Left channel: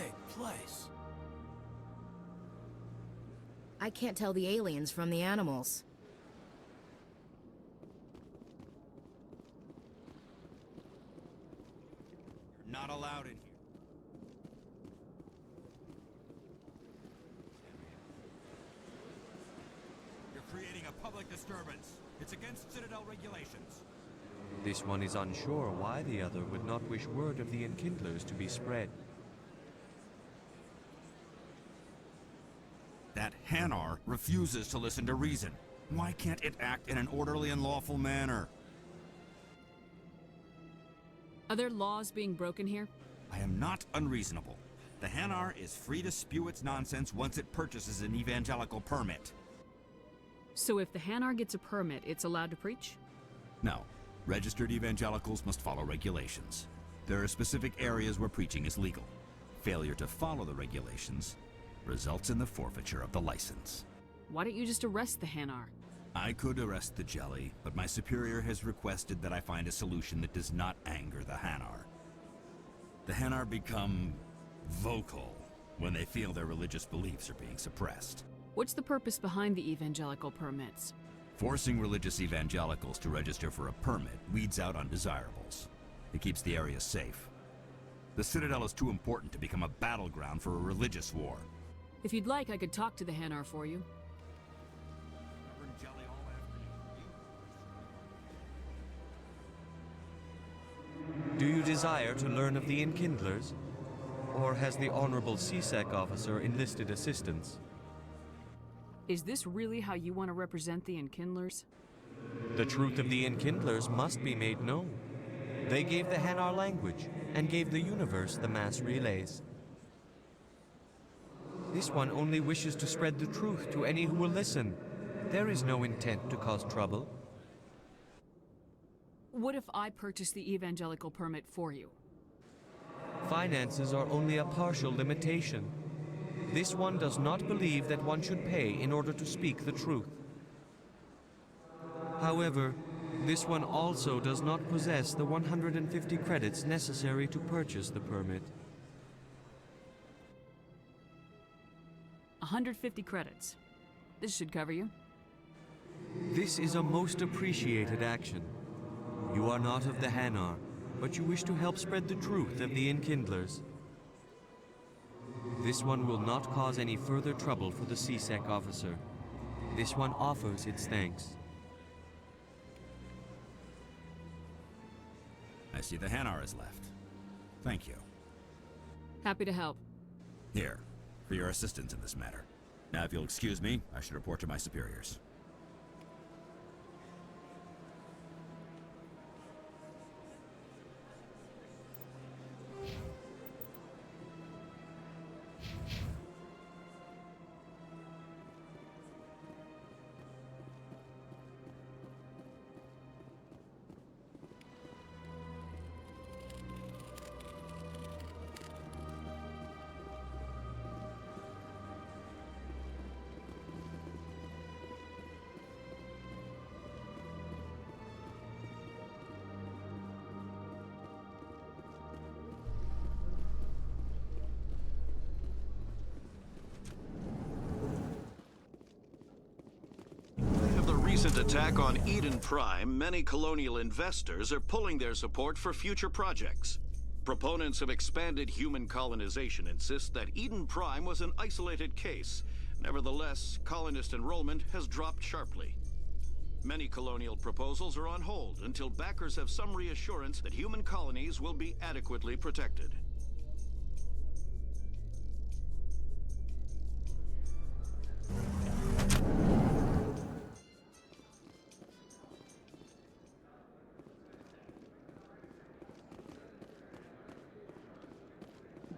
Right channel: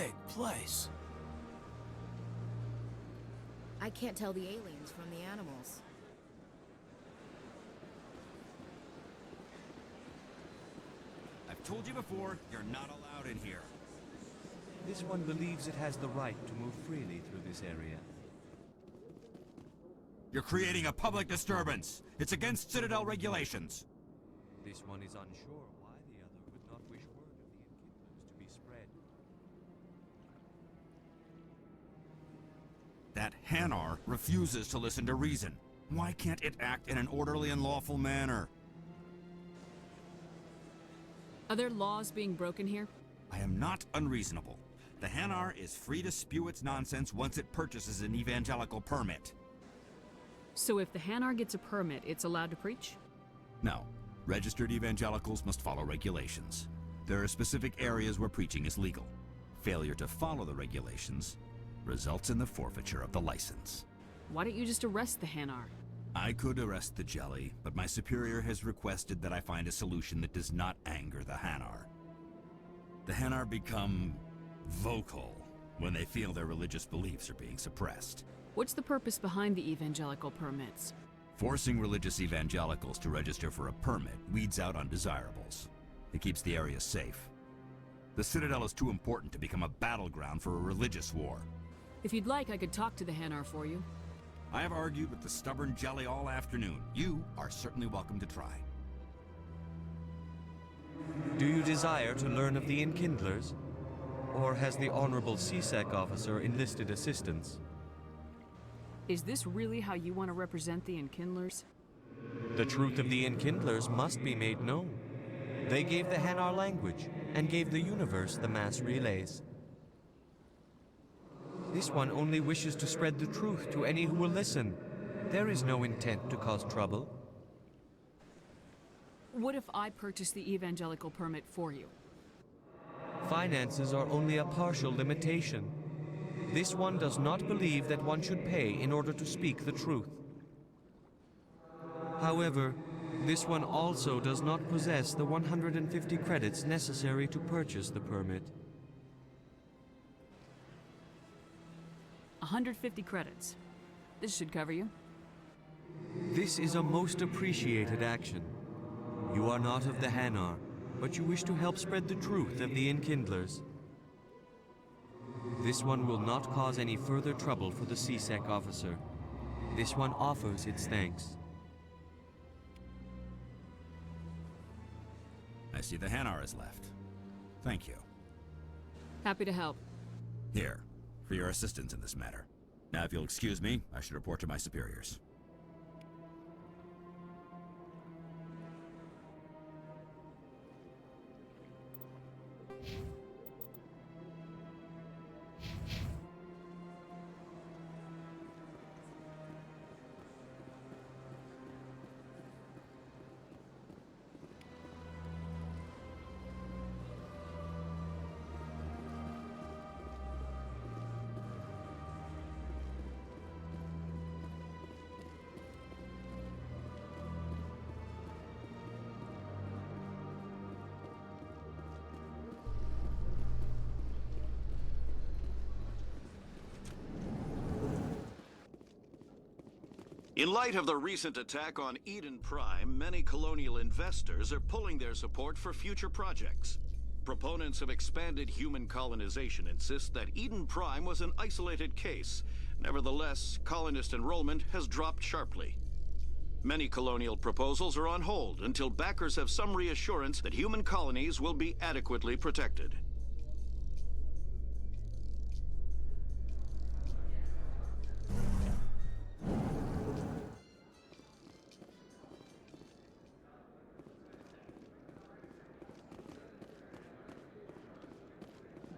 big place. I can't tell the aliens from the animals. I've told you before, you're not allowed in here. This one believes it has the right to move freely through this area. You're creating a public disturbance. It's against Citadel regulations. This one is unsure why the other would not wish word of the Enkindlers to be spread. That Hanar refuses to listen to reason. Why can't it act in an orderly and lawful manner? Are there laws being broken here? I am not unreasonable. The Hanar is free to spew its nonsense once it purchases an evangelical permit. So if the Hanar gets a permit, it's allowed to preach? No. Registered evangelicals must follow regulations. There are specific areas where preaching is legal. Failure to follow the regulations results in the forfeiture of the license. Why don't you just arrest the Hanar? I could arrest the jelly, but my superior has requested that I find a solution that does not anger the Hanar. The Hanar become vocal when they feel their religious beliefs are being suppressed. What's the purpose behind the evangelical permits? Forcing religious evangelicals to register for a permit weeds out undesirables. It keeps the area safe. The Citadel is too important to become a battleground for a religious war. If you'd like, I could talk to the Hanar for you. I have argued with the stubborn jelly all afternoon. You are certainly welcome to try. Do you desire to learn of the Enkindlers? Or has the Honorable CSEC officer enlisted assistance? Is this really how you want to represent the Enkindlers? The truth of the Enkindlers must be made known. They gave the Hanar language, and gave the universe the mass relays. This one only wishes to spread the truth to any who will listen. There is no intent to cause trouble. What if I purchase the evangelical permit for you? Finances are only a partial limitation. This one does not believe that one should pay in order to speak the truth. However, this one also does not possess the 150 credits necessary to purchase the permit. 150 credits. This should cover you. This is a most appreciated action. You are not of the Hanar, but you wish to help spread the truth of the Enkindlers. This one will not cause any further trouble for the CSEC officer. This one offers its thanks. I see the Hanar is left. Thank you. Happy to help. Here, for your assistance in this matter. Now, if you'll excuse me, I should report to my superiors. In light of the recent attack on Eden Prime, many colonial investors are pulling their support for future projects. Proponents of expanded human colonization insist that Eden Prime was an isolated case. Nevertheless, colonist enrollment has dropped sharply. Many colonial proposals are on hold until backers have some reassurance that human colonies will be adequately protected.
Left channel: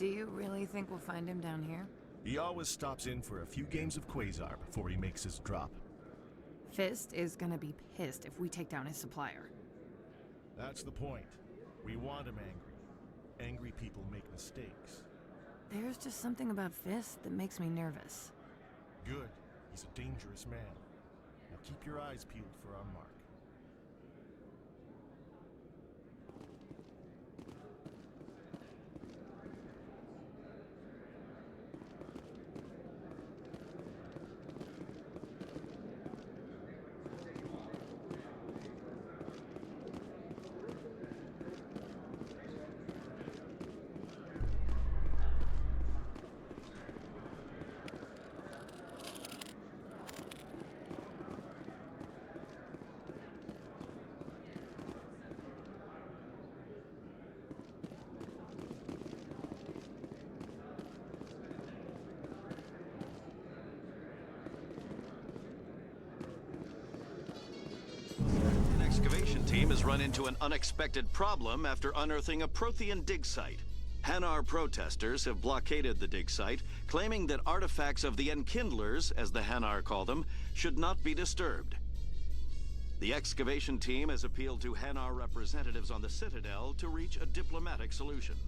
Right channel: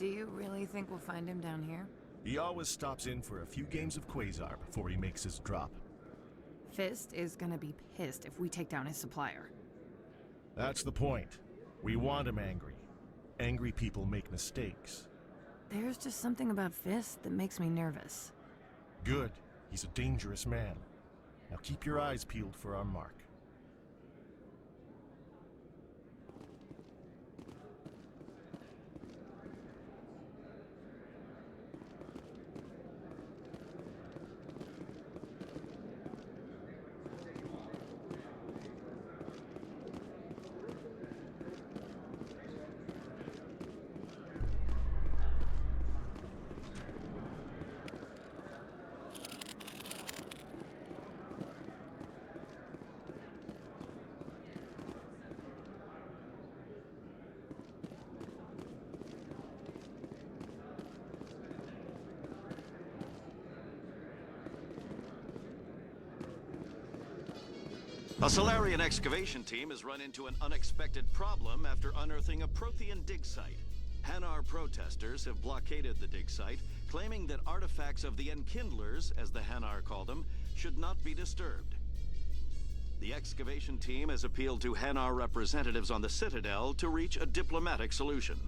Do you really think we'll find him down here? He always stops in for a few games of Quasar before he makes his drop. Fist is gonna be pissed if we take down his supplier. That's the point. We want him angry. Angry people make mistakes. There's just something about Fist that makes me nervous. Good. He's a dangerous man. Now keep your eyes peeled for our mark. A Solarian excavation team has run into an unexpected problem after unearthing a Prothean dig site. Hanar protesters have blockaded the dig site, claiming that artifacts of the Enkindlers, as the Hanar call them, should not be disturbed. The excavation team has appealed to Hanar representatives on the Citadel to reach a diplomatic solution.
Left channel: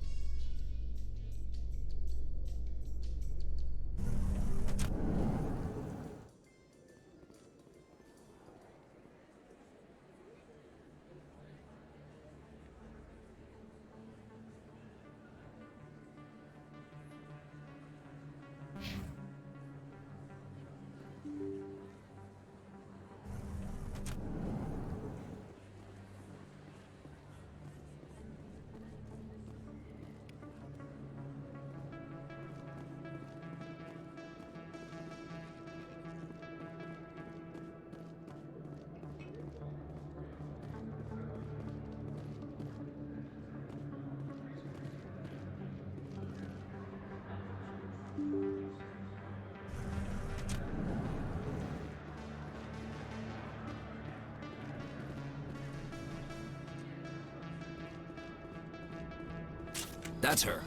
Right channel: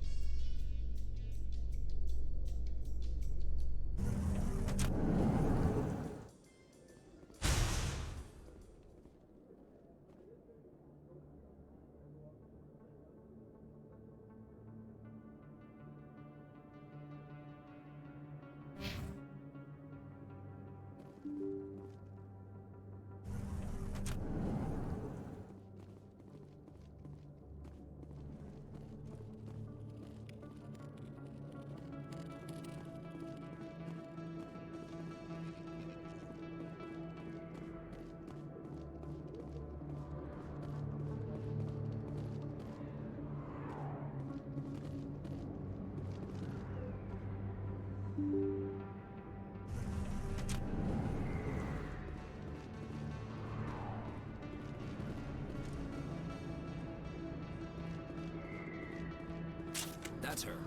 That's her.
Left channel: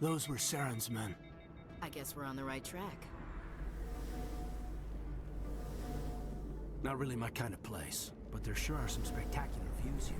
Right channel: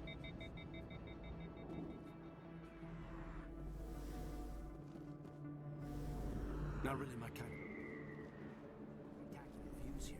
Those were Saren's men. I guess we're on the right track. Not really my kind of place, but there sure are some spectacular views here.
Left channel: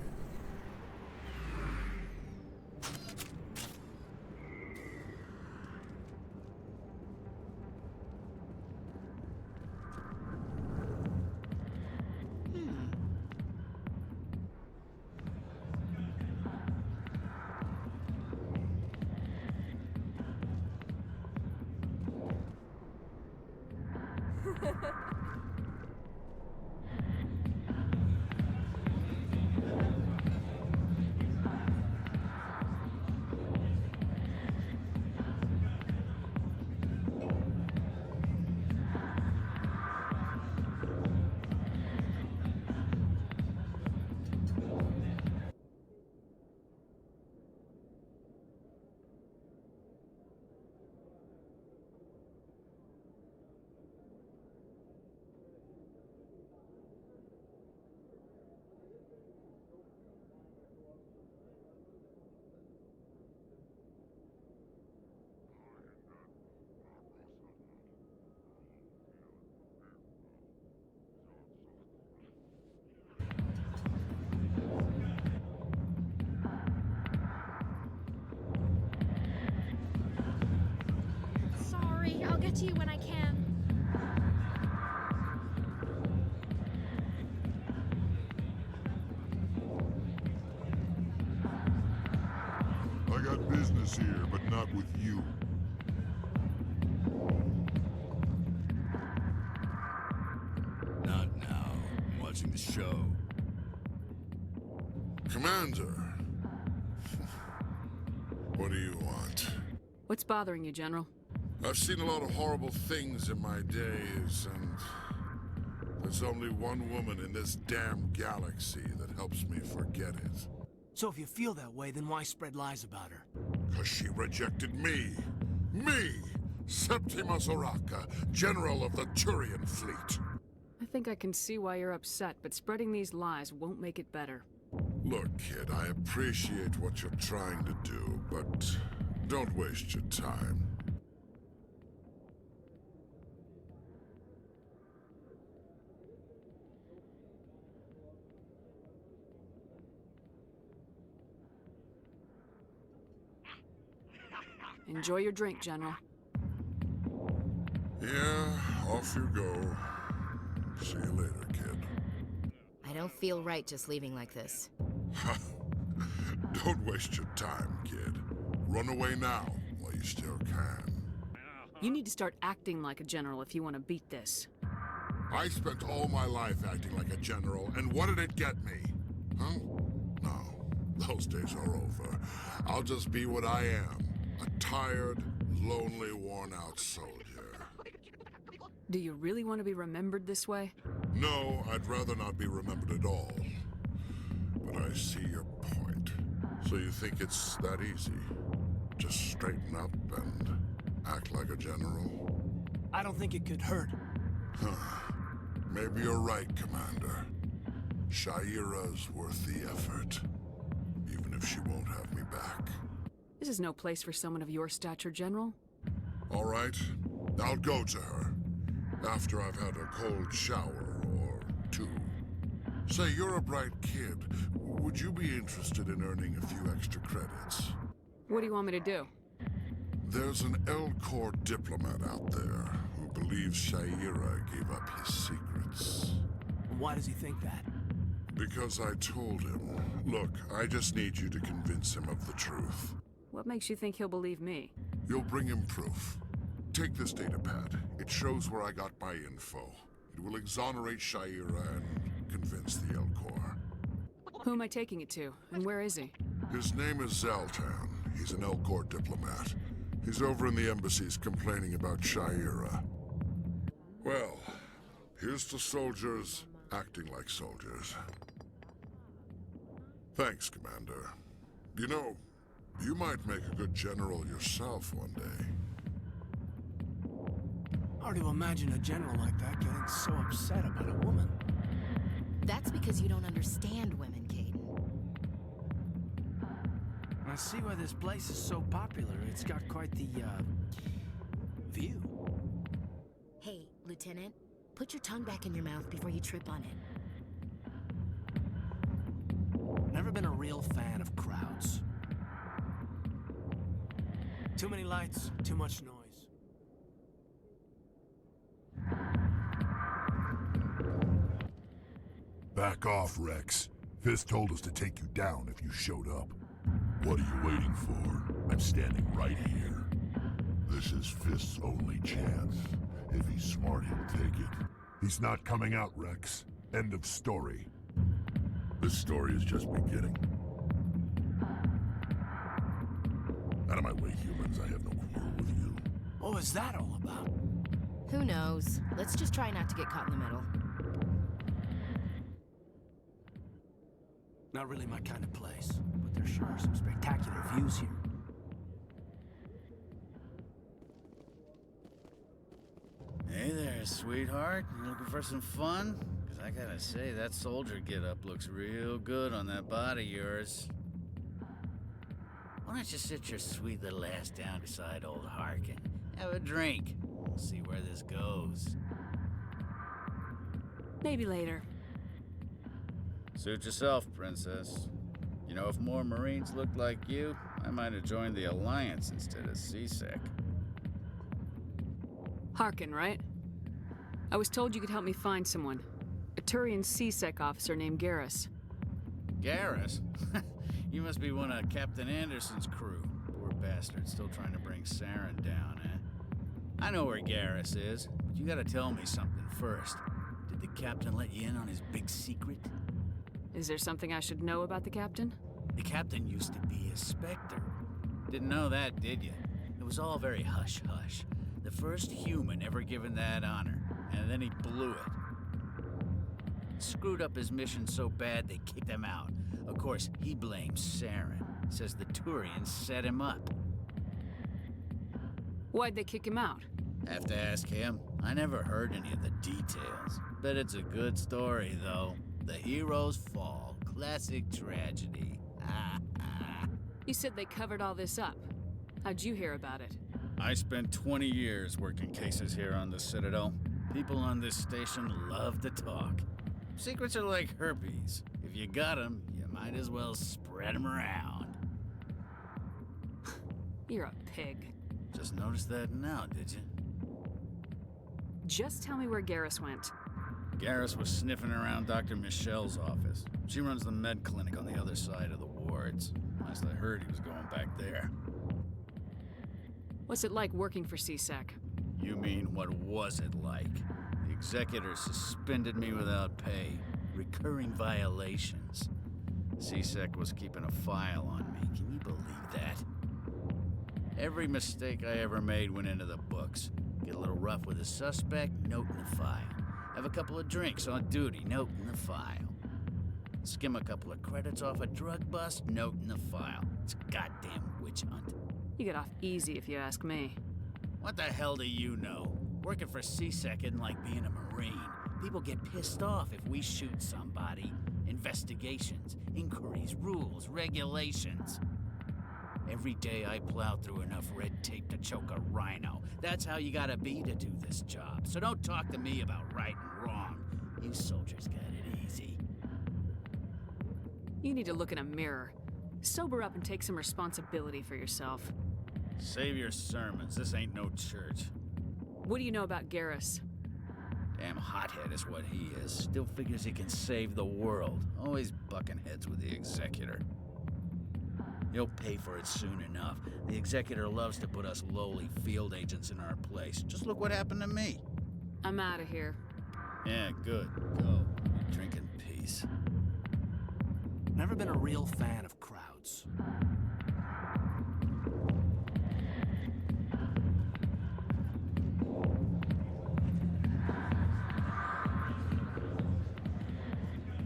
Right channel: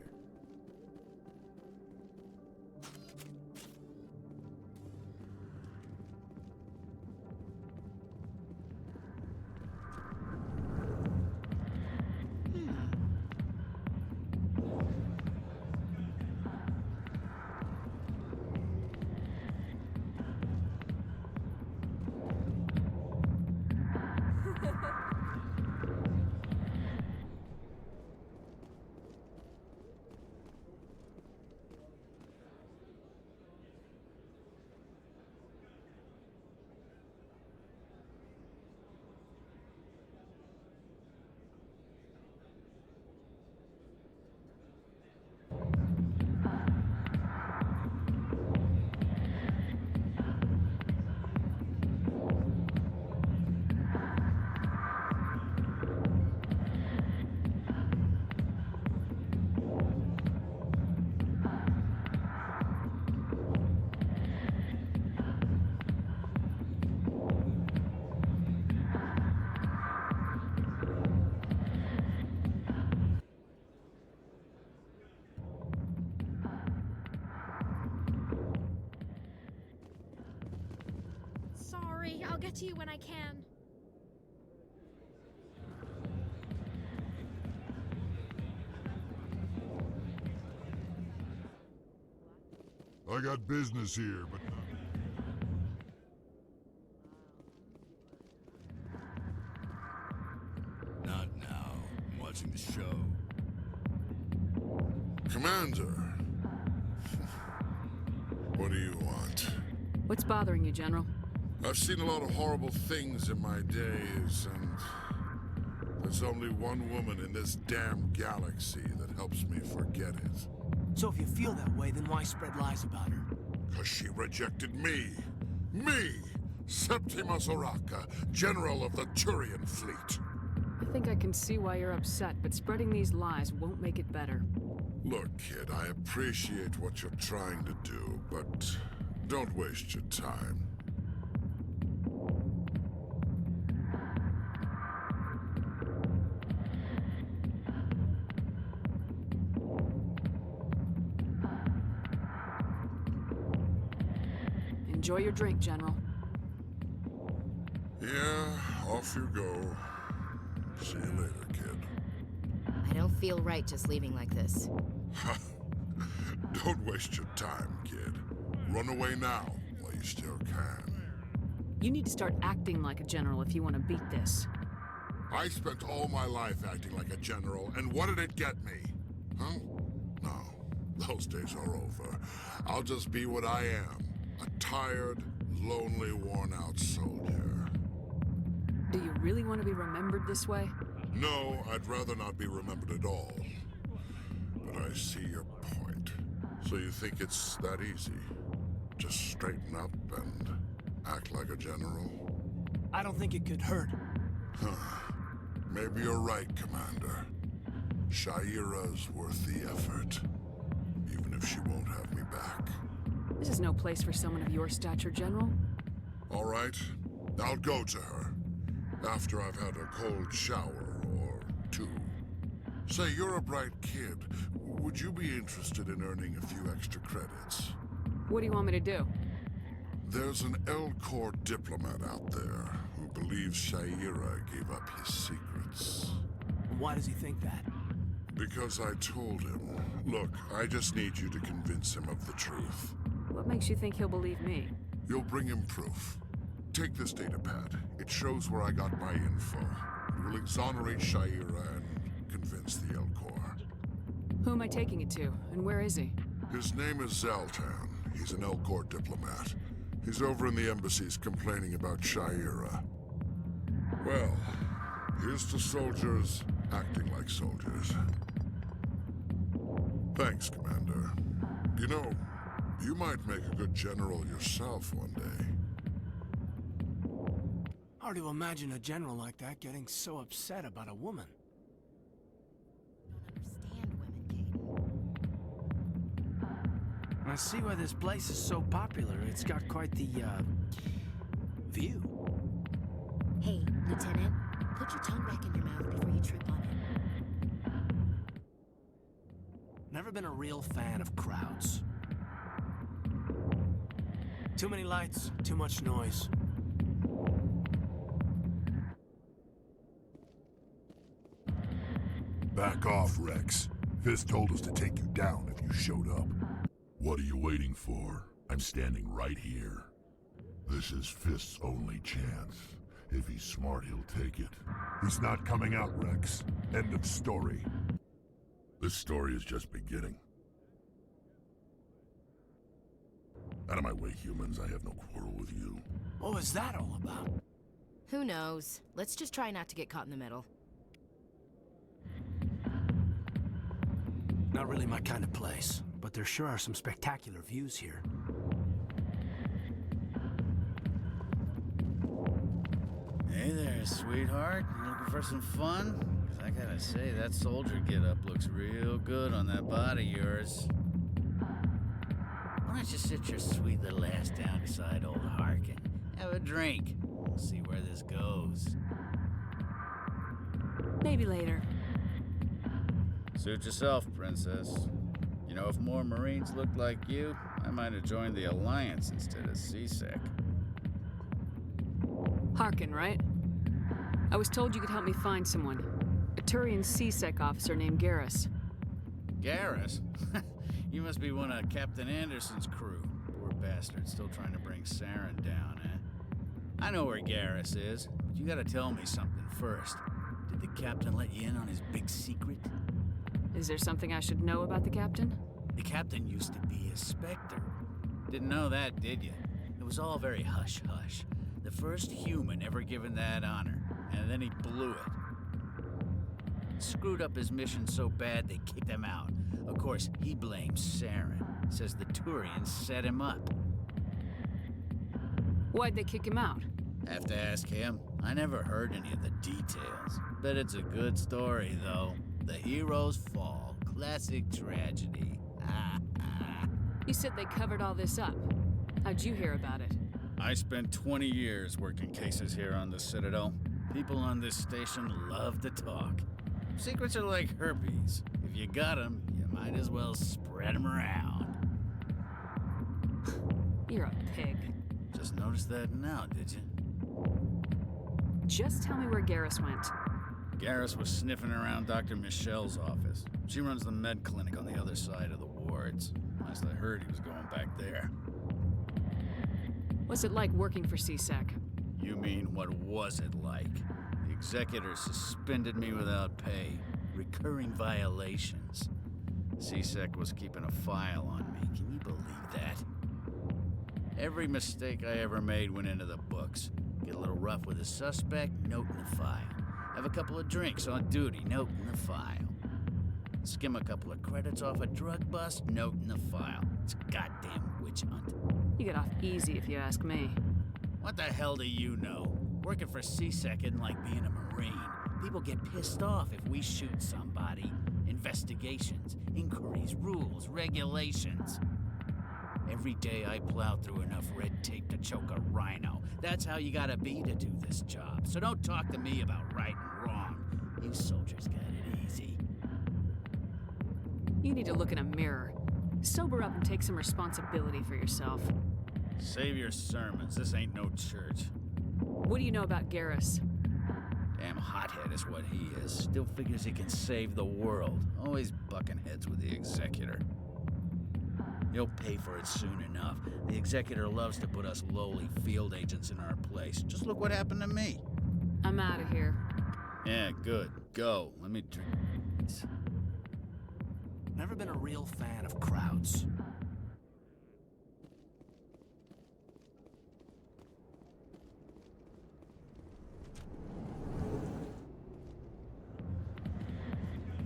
I'll get to you when I can. I got business here, but not with you. Not now. I'm watching the show. Commander. What do you want? What's bothering you, General? I've seen a lot of horrible things in my days, and there's only one woman in this damn galaxy that helps me forget it. So if you feel that way, then why spread lies about her? 'Cause she rejected me! Me! Septimus Oraka, General of the Turian Fleet! I think I can see why you're upset, but spreading these lies won't make it better. Look, kid, I appreciate what you're trying to do, but don't waste your time. Enjoy your drink, General. Yeah, off you go. See you later, kid. I don't feel right just leaving like this. Don't waste your time, kid. Run away now, while you still can. You need to start acting like a general if you want to beat this. I spent all my life acting like a general, and what did it get me? Huh? No. Those days are over. I'll just be what I am. A tired, lonely, worn-out soldier. Do you really want to be remembered this way? No, I'd rather not be remembered at all. But I see your point. So you think it's that easy? Just straighten up and act like a general? I don't think it could hurt. Maybe you're right, Commander. Shaira's worth the effort. Even if she won't have me back. This is no place for someone of your stature, General. All right, I'll go to her. After I've had a cold shower or two. Say, you're a bright kid. Would you be interested in earning a few extra credits? What do you want me to do? There's an Elcor diplomat out there who believes Shaira gave up his secrets. Why does he think that? Because I told him. Look, I just need you to convince him of the truth. What makes you think he'll believe me? You'll bring him proof. Take this datapad. It shows where I got my info. It will exonerate Shaira and convince the Elcor. Who am I taking it to, and where is he? His name is Zaltan. He's an Elcor diplomat. He's over in the embassies complaining about Shaira. Well, here's to soldiers acting like soldiers. Thanks, Commander. You know, you might make a good general yourself one day. Hard to imagine a general like that getting so upset about a woman. That's because you don't understand women, Caden. I see why this place is so popular. It's got quite the, view. Hey, Lieutenant, put your tongue back in your mouth before you trip on it. Never been a real fan of crowds. Too many lights, too much noise. Back off, Wrex. Fist told us to take you down if you showed up. What are you waiting for? I'm standing right here. This is Fist's only chance. If he's smart, he'll take it. He's not coming out, Wrex. End of story. This story is just beginning. Out of my way, humans. I have no quarrel with you. What was that all about? Who knows? Let's just try not to get caught in the middle. Not really my kind of place, but there sure are some spectacular views here. Hey there, sweetheart. You looking for some fun? 'Cause I gotta say, that soldier get-up looks real good on that body of yours. Why don't you sit your sweet little ass down beside old Harkin? Have a drink. We'll see where this goes. Maybe later. Suit yourself, princess. You know, if more Marines looked like you, I might have joined the Alliance instead of CSEC. Harkin, right? I was told you could help me find someone. A Turian CSEC officer named Garrus. Garrus? You must be one of Captain Anderson's crew. Poor bastard, still trying to bring Saren down, eh? I know where Garrus is, but you gotta tell me something first. Did the captain let you in on his big secret? Is there something I should know about the captain? The captain used to be a Spectre. Didn't know that, did you? It was all very hush-hush. The first human ever given that honor, and then he blew it. Screwed up his mission so bad they kicked him out. Of course, he blames Saren. Says the Turians set him up. Why'd they kick him out? Have to ask him. I never heard any of the details. Bet it's a good story, though. The heroes fall. Classic tragedy. You said they covered all this up. How'd you hear about it? I spent 20 years working cases here on the Citadel. People on this station love to talk. Secrets are like herpes. If you got them, you might as well spread them around. You're a pig. Just noticed that now, did you? Just tell me where Garrus went. Garrus was sniffing around Dr. Michel's office. She runs the med clinic on the other side of the wards. Last I heard, he was going back there. What's it like working for CSEC? You mean, what was it like? The executor suspended me without pay. Recurring violations. C-Sec was keeping a file on me. Can you believe that? Every mistake I ever made went into the books. Get a little rough with a suspect, note in the file. Have a couple of drinks on duty, note in the file. Skim a couple of credits off a drug bust, note in the file. It's a goddamn witch hunt. You get off easy if you ask me. What the hell do you know? Working for C-Sec isn't like being a Marine. People get pissed off if we shoot somebody. Investigations, inquiries, rules, regulations. Every day I plow through enough red tape to choke a rhino. That's how you gotta be to do this job. So don't talk to me about right and wrong. You soldiers got it easy. You need to look in a mirror. Sober up and take some responsibility for yourself. Save your sermons. This ain't no church. What do you know about Garrus? Damn hothead is what he is. Still figures he can save the world. Always bucking heads with the Executor. He'll pay for it soon enough. The Executor loves to put us lowly field agents in our place. Just look what happened to me. I'm out of here. Yeah, good. Go. Let me drink in peace. Never been a real fan of crowds.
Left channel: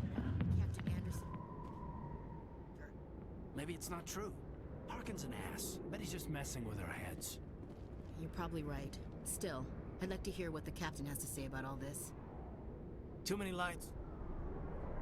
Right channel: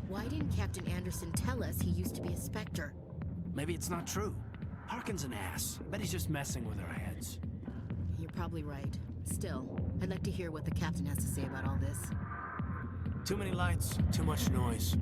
Why didn't Captain Anderson tell us he used to be a Spectre? Maybe it's not true. Harkin's an ass. I bet he's just messing with our heads. You're probably right. Still, I'd like to hear what the captain has to say about all this. Too many lights, too much noise.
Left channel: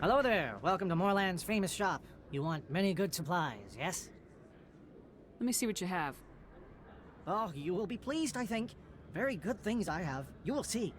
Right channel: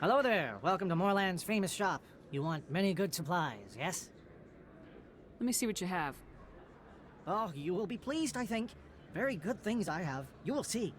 Hello there. Welcome to Moorland's famous shop. You want many good supplies, yes? Let me see what you have. Oh, you will be pleased, I think. Very good things I have. You will see.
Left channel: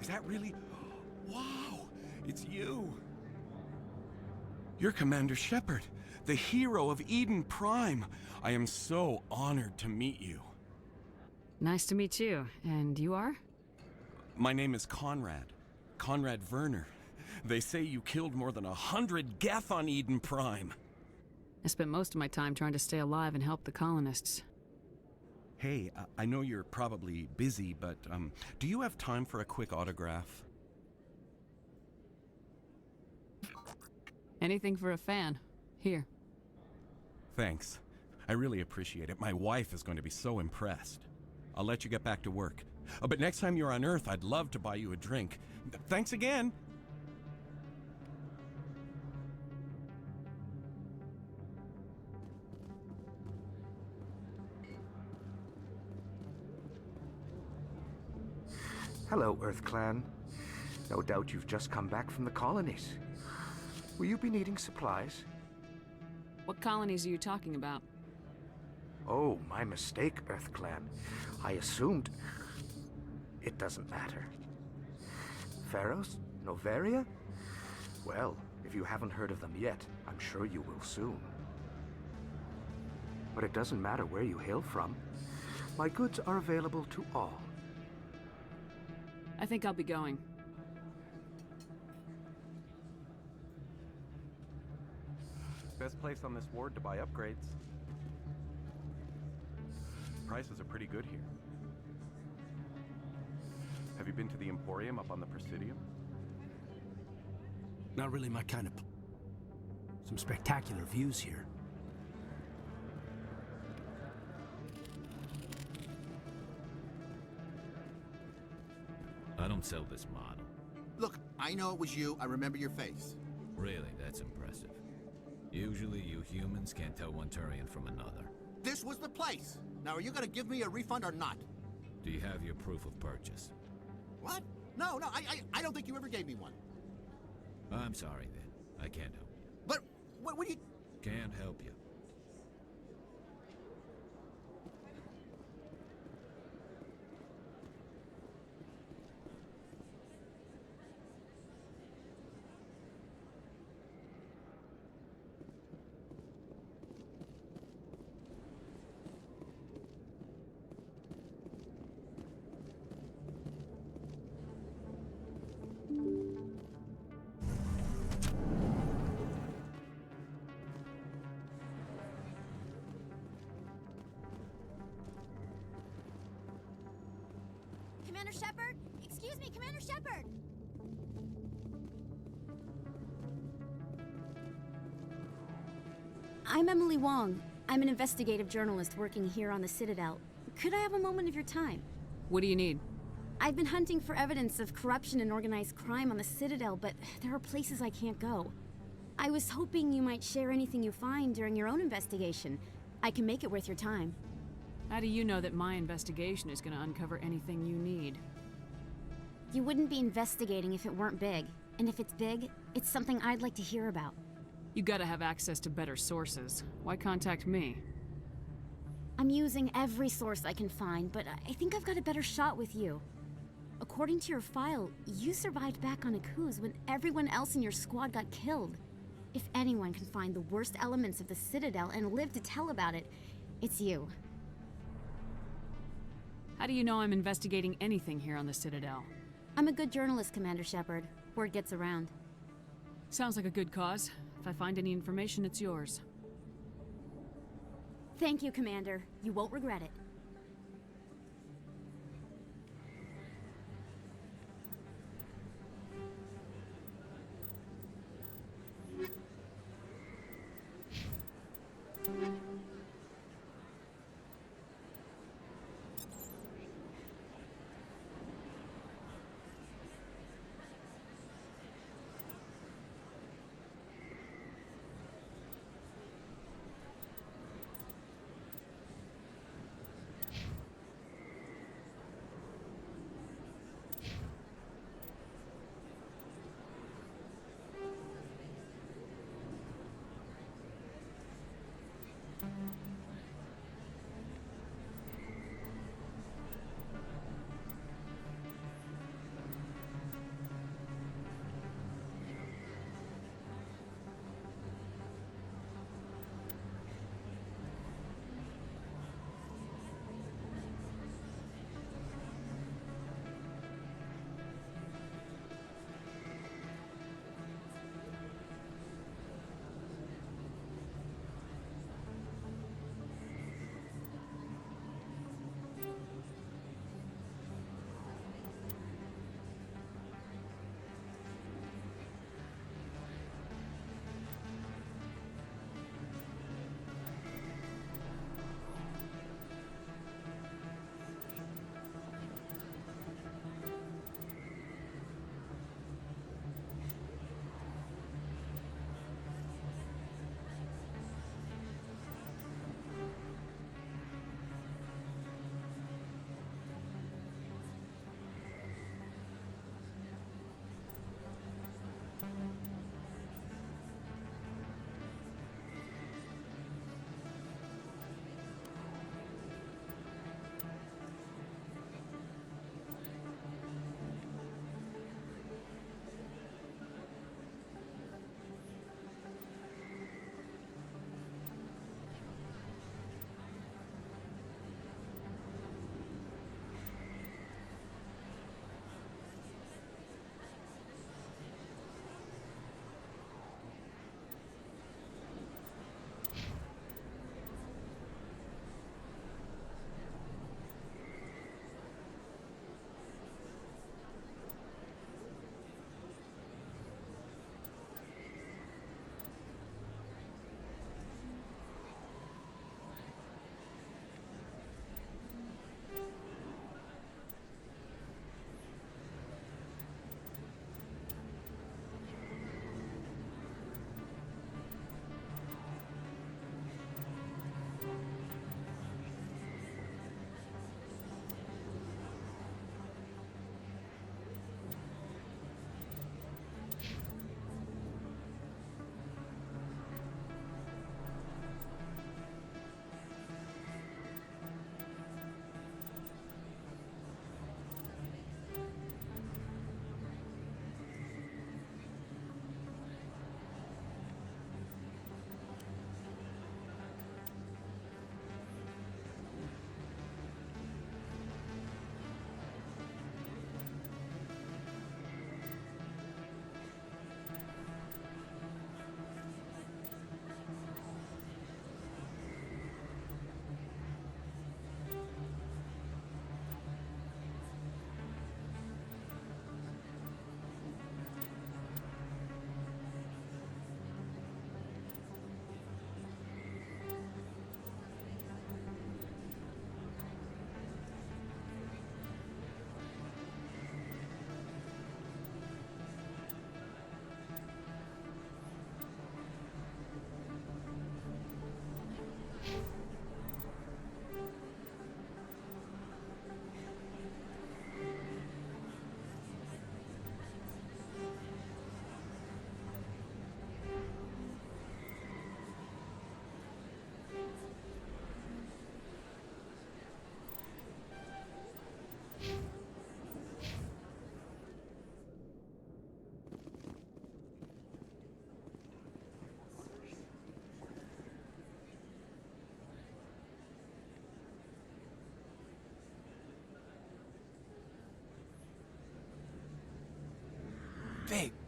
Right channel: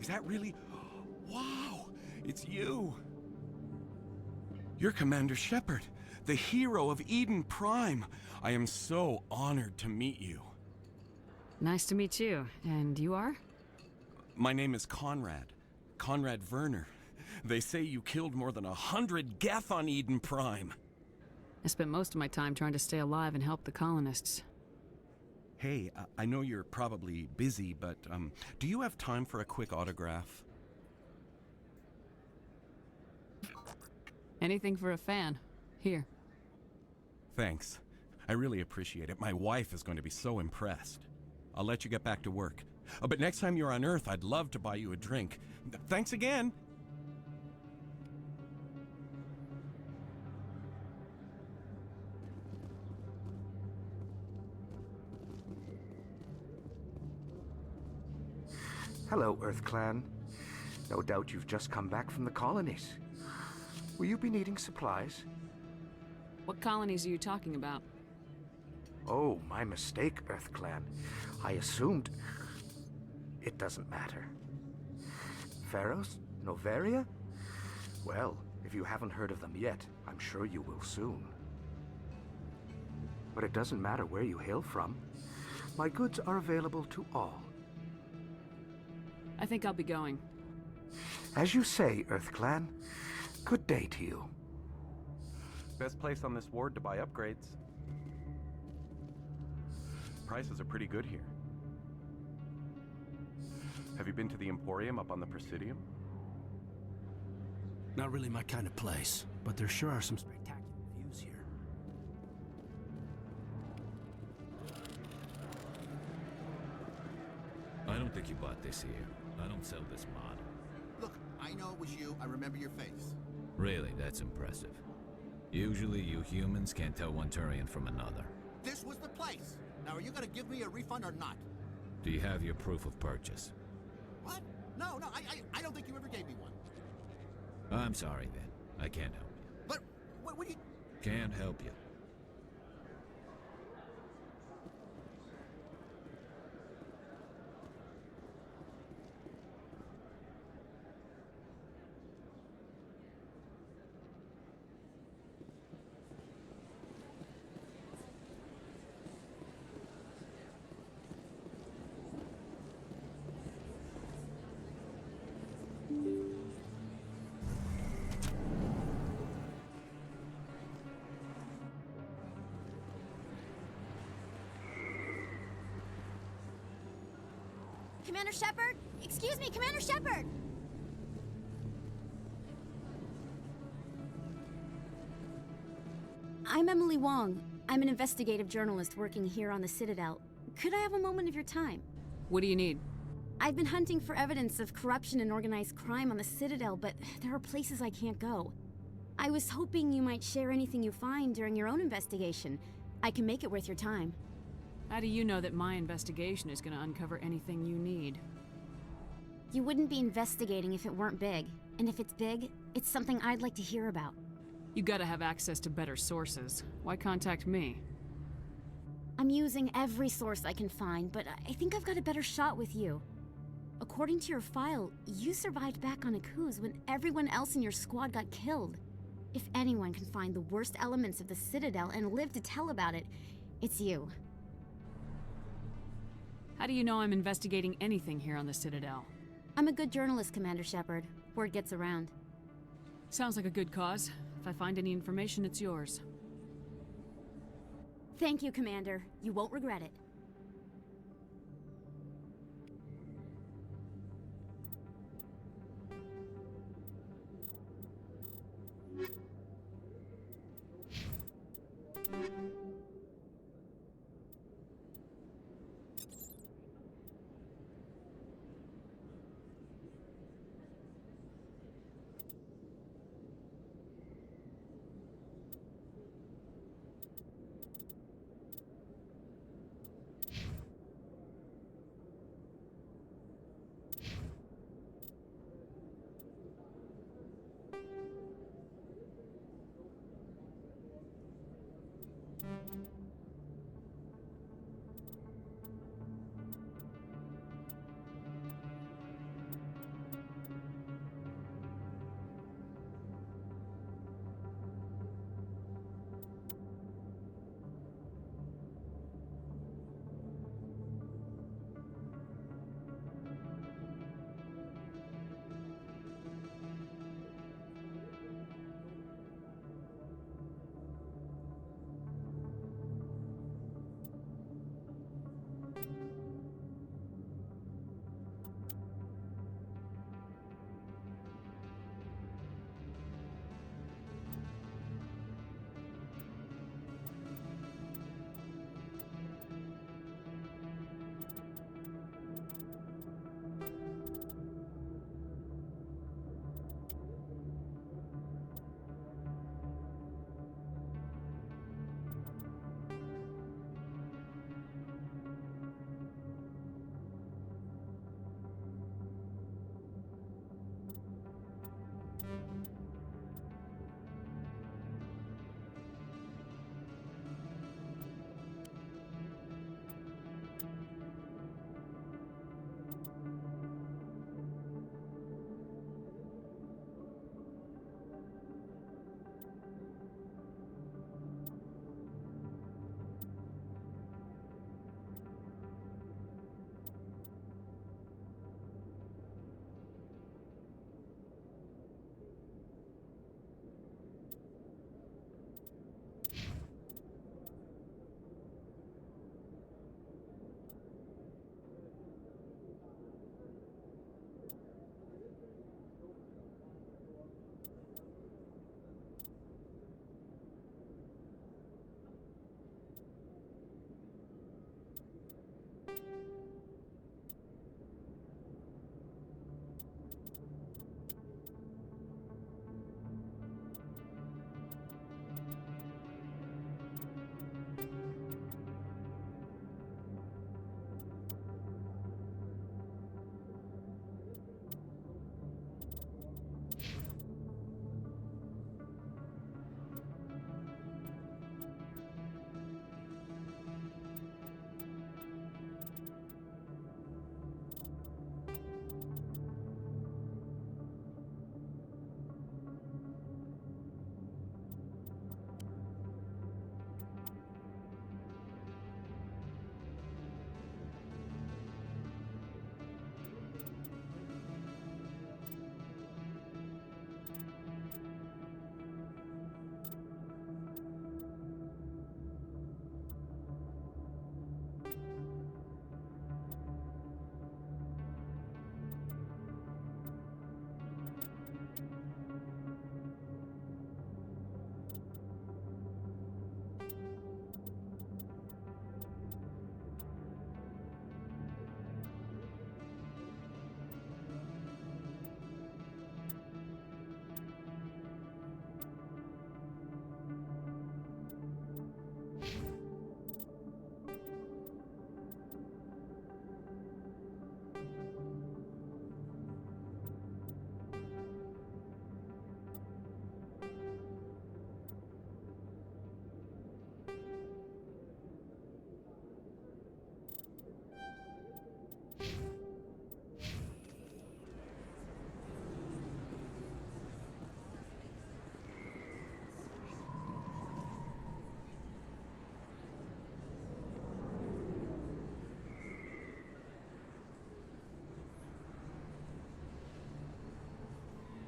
Is that really... Wow! It's you! You're Commander Shepard, the hero of Eden Prime. I am so honored to meet you. Nice to meet you. And you are? My name is Conrad. Conrad Verner. They say you killed more than 100 Geth on Eden Prime. I spent most of my time trying to stay alive and help the colonists. Hey, I know you're probably busy, but do you have time for a quick autograph? Anything for a fan. Here. Thanks. I really appreciate it. My wife is going to be so impressed. I'll let you get back to work. But next time you're on Earth, I'd love to buy you a drink. Thanks again! Hello, Earth Clan. No doubt you've just come back from the colonies. Will you be needing supplies? What colonies are you talking about? Oh, my mistake, Earth Clan. I assumed... It doesn't matter. Pharaohs? Noveria? Well, if you haven't heard of them yet, I'm sure you will soon. But it doesn't matter where you hail from. My goods are available to all. I think I'll be going. As you say, EarthClan. Good day to you. Best place on this ward to buy upgrades. Prices are pretty good here. Have you been to the Emporium up on the Presidium? Not really my kind of place, but there sure are some spectacular views here. I don't think you bought this here. I don't sell this model. Look, I know it was you. I remember your face. Really, that's impressive. Usually you humans can't tell one Turian from another. This was the place. Now, are you gonna give me a refund or not? Do you have your proof of purchase? What? No, I don't think you ever gave me one. I'm sorry then. I can't help you. But, what do you... Can't help you. Commander Shepard? Excuse me, Commander Shepard! I'm Emily Wong. I'm an investigative journalist working here on the Citadel. Could I have a moment of your time? What do you need? I've been hunting for evidence of corruption and organized crime on the Citadel, but there are places I can't go. I was hoping you might share anything you find during your own investigation. I can make it worth your time. How do you know that my investigation is going to uncover anything you need? You wouldn't be investigating if it weren't big. And if it's big, it's something I'd like to hear about. You gotta have access to better sources. Why contact me? I'm using every source I can find, but I think I've got a better shot with you. According to your file, you survived back on Akuz when everyone else in your squad got killed. If anyone can find the worst elements of the Citadel and live to tell about it, it's you. How do you know I'm investigating anything here on the Citadel? I'm a good journalist, Commander Shepard. Word gets around. Sounds like a good cause. If I find any information, it's yours. Thank you, Commander. You won't regret it.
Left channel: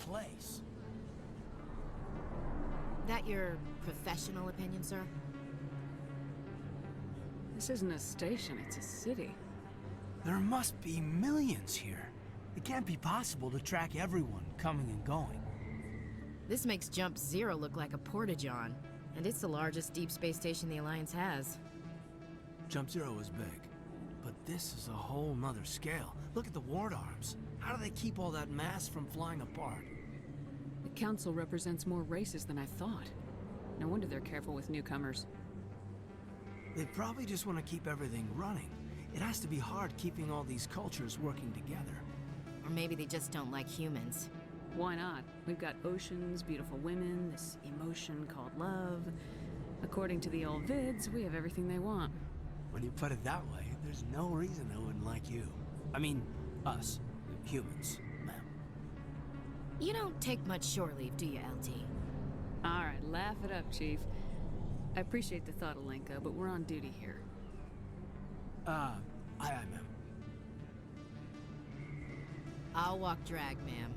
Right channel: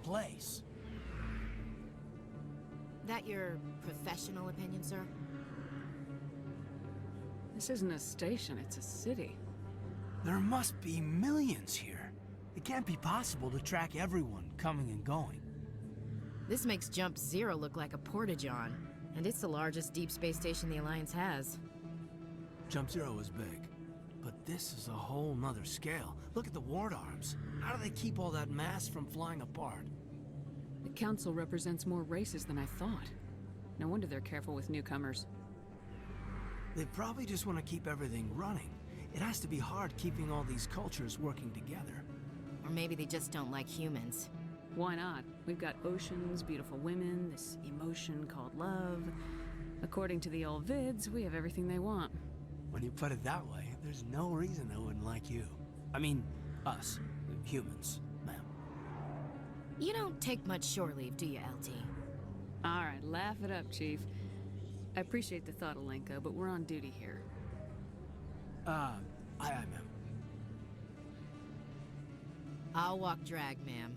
place. That your professional opinion, sir? This isn't a station, it's a city. There must be millions here. It can't be possible to track everyone coming and going. This makes Jump Zero look like a porta-john, and it's the largest deep space station the Alliance has. Jump Zero is big, but this is a whole nother scale. Look at the ward arms. How do they keep all that mass from flying apart? The Council represents more races than I thought. No wonder they're careful with newcomers. They probably just want to keep everything running. It has to be hard keeping all these cultures working together. Or maybe they just don't like humans. Why not? We've got oceans, beautiful women, this emotion called love. According to the old vids, we have everything they want. When you put it that way, there's no reason they wouldn't like you. I mean, us, humans, ma'am. You don't take much shore leave, do you, LT? All right, laugh it up, Chief. I appreciate the thought, Alenka, but we're on duty here. Aye, ma'am. I'll walk drag, ma'am.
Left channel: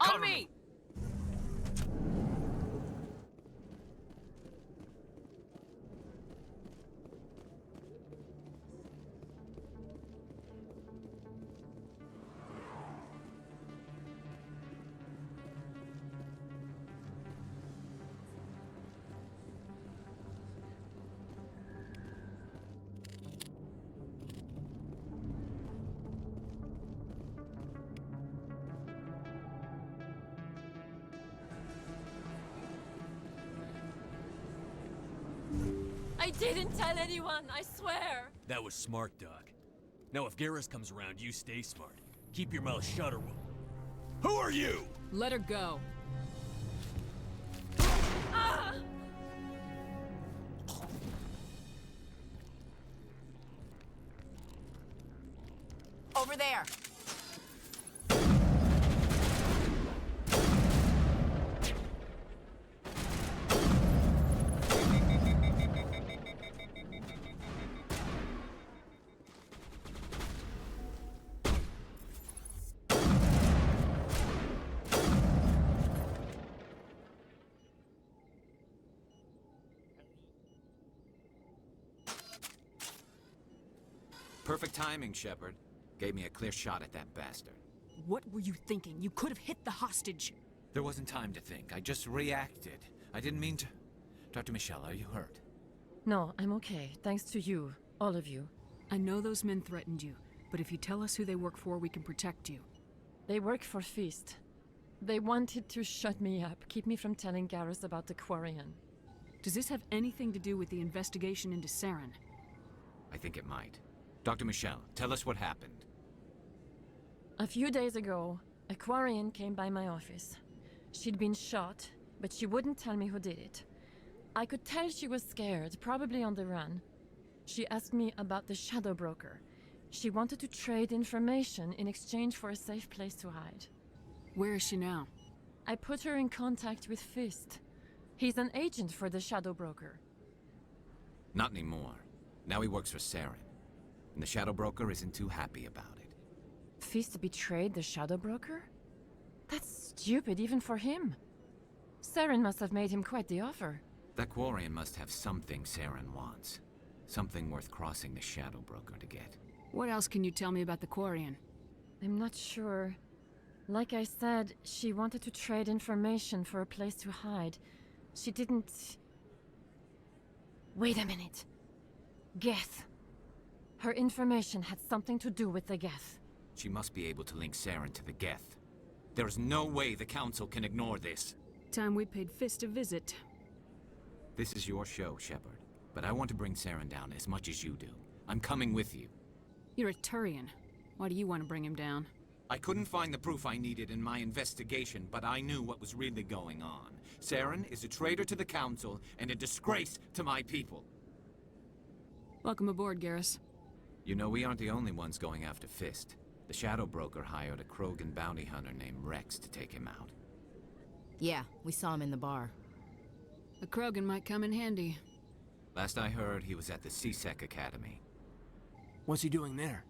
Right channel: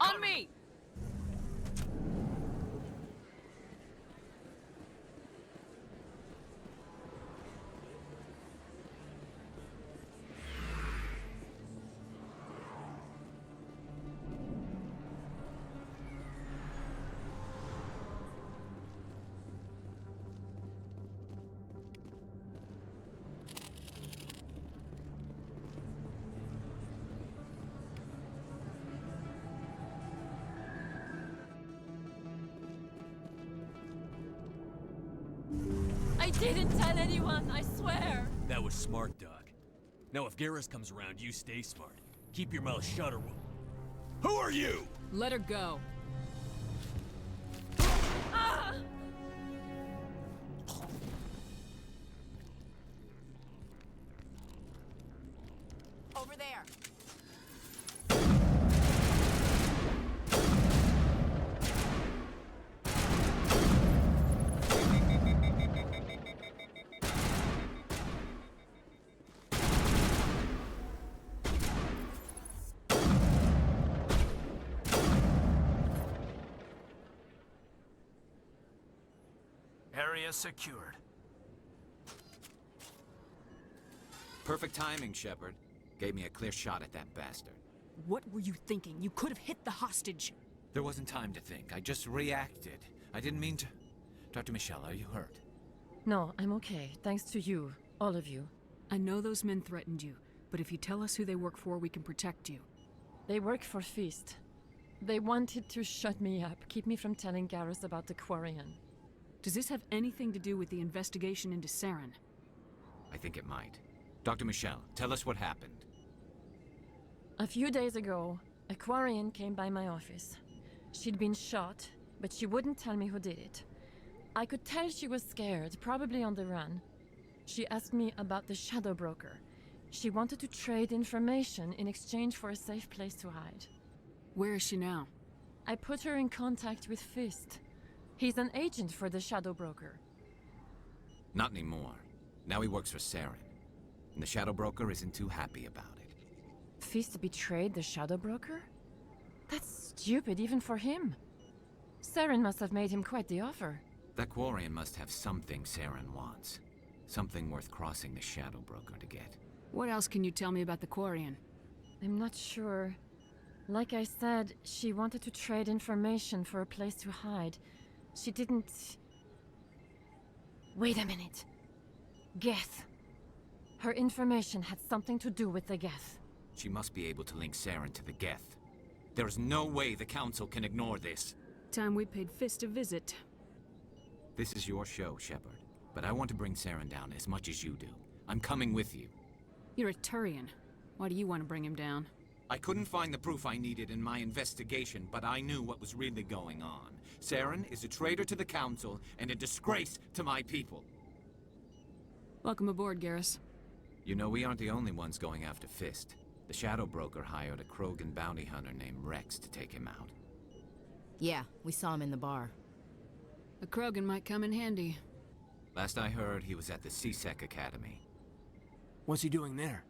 On me! I didn't tell anyone, I swear! That was smart, Doc. Now if Garrus comes around, you stay smart. Keep your mouth shut or we'll... Who are you? Let her go. Ah! Over there! Area secured. Perfect timing, Shepard. Gave me a clear shot at that bastard. What were you thinking? You could have hit the hostage. There wasn't time to think. I just reacted. I didn't mean to... Dr. Michel, are you hurt? No, I'm okay. Thanks to you. All of you. I know those men threatened you, but if you tell us who they work for, we can protect you. They work for Feast. They wanted to shut me up, keep me from telling Garrus about the Quarian. Does this have anything to do with the investigation into Saren? I think it might. Dr. Michel, tell us what happened. A few days ago, a Quarian came by my office. She'd been shot, but she wouldn't tell me who did it. I could tell she was scared, probably on the run. She asked me about the Shadow Broker. She wanted to trade information in exchange for a safe place to hide. Where is she now? I put her in contact with Fist. He's an agent for the Shadow Broker. Not anymore. Now he works for Saren. And the Shadow Broker isn't too happy about it. Fist betrayed the Shadow Broker? That's stupid even for him. Saren must have made him quite the offer. That Quarian must have something Saren wants. Something worth crossing the Shadow Broker to get. What else can you tell me about the Quarian? I'm not sure. Like I said, she wanted to trade information for a place to hide. She didn't... Wait a minute. Geth. Her information had something to do with the Geth. She must be able to link Saren to the Geth. There is no way the Council can ignore this. time we paid Fist a visit. This is your show, Shepard. But I want to bring Saren down as much as you do. I'm coming with you. You're a Turian. Why do you want to bring him down? I couldn't find the proof I needed in my investigation, but I knew what was really going on. Saren is a traitor to the Council and a disgrace to my people. Welcome aboard, Garrus. You know, we aren't the only ones going after Fist. The Shadow Broker hired a Krogan bounty hunter named Wrex to take him out. Yeah, we saw him in the bar. A Krogan might come in handy. Last I heard, he was at the C-Sec Academy. What's he doing there?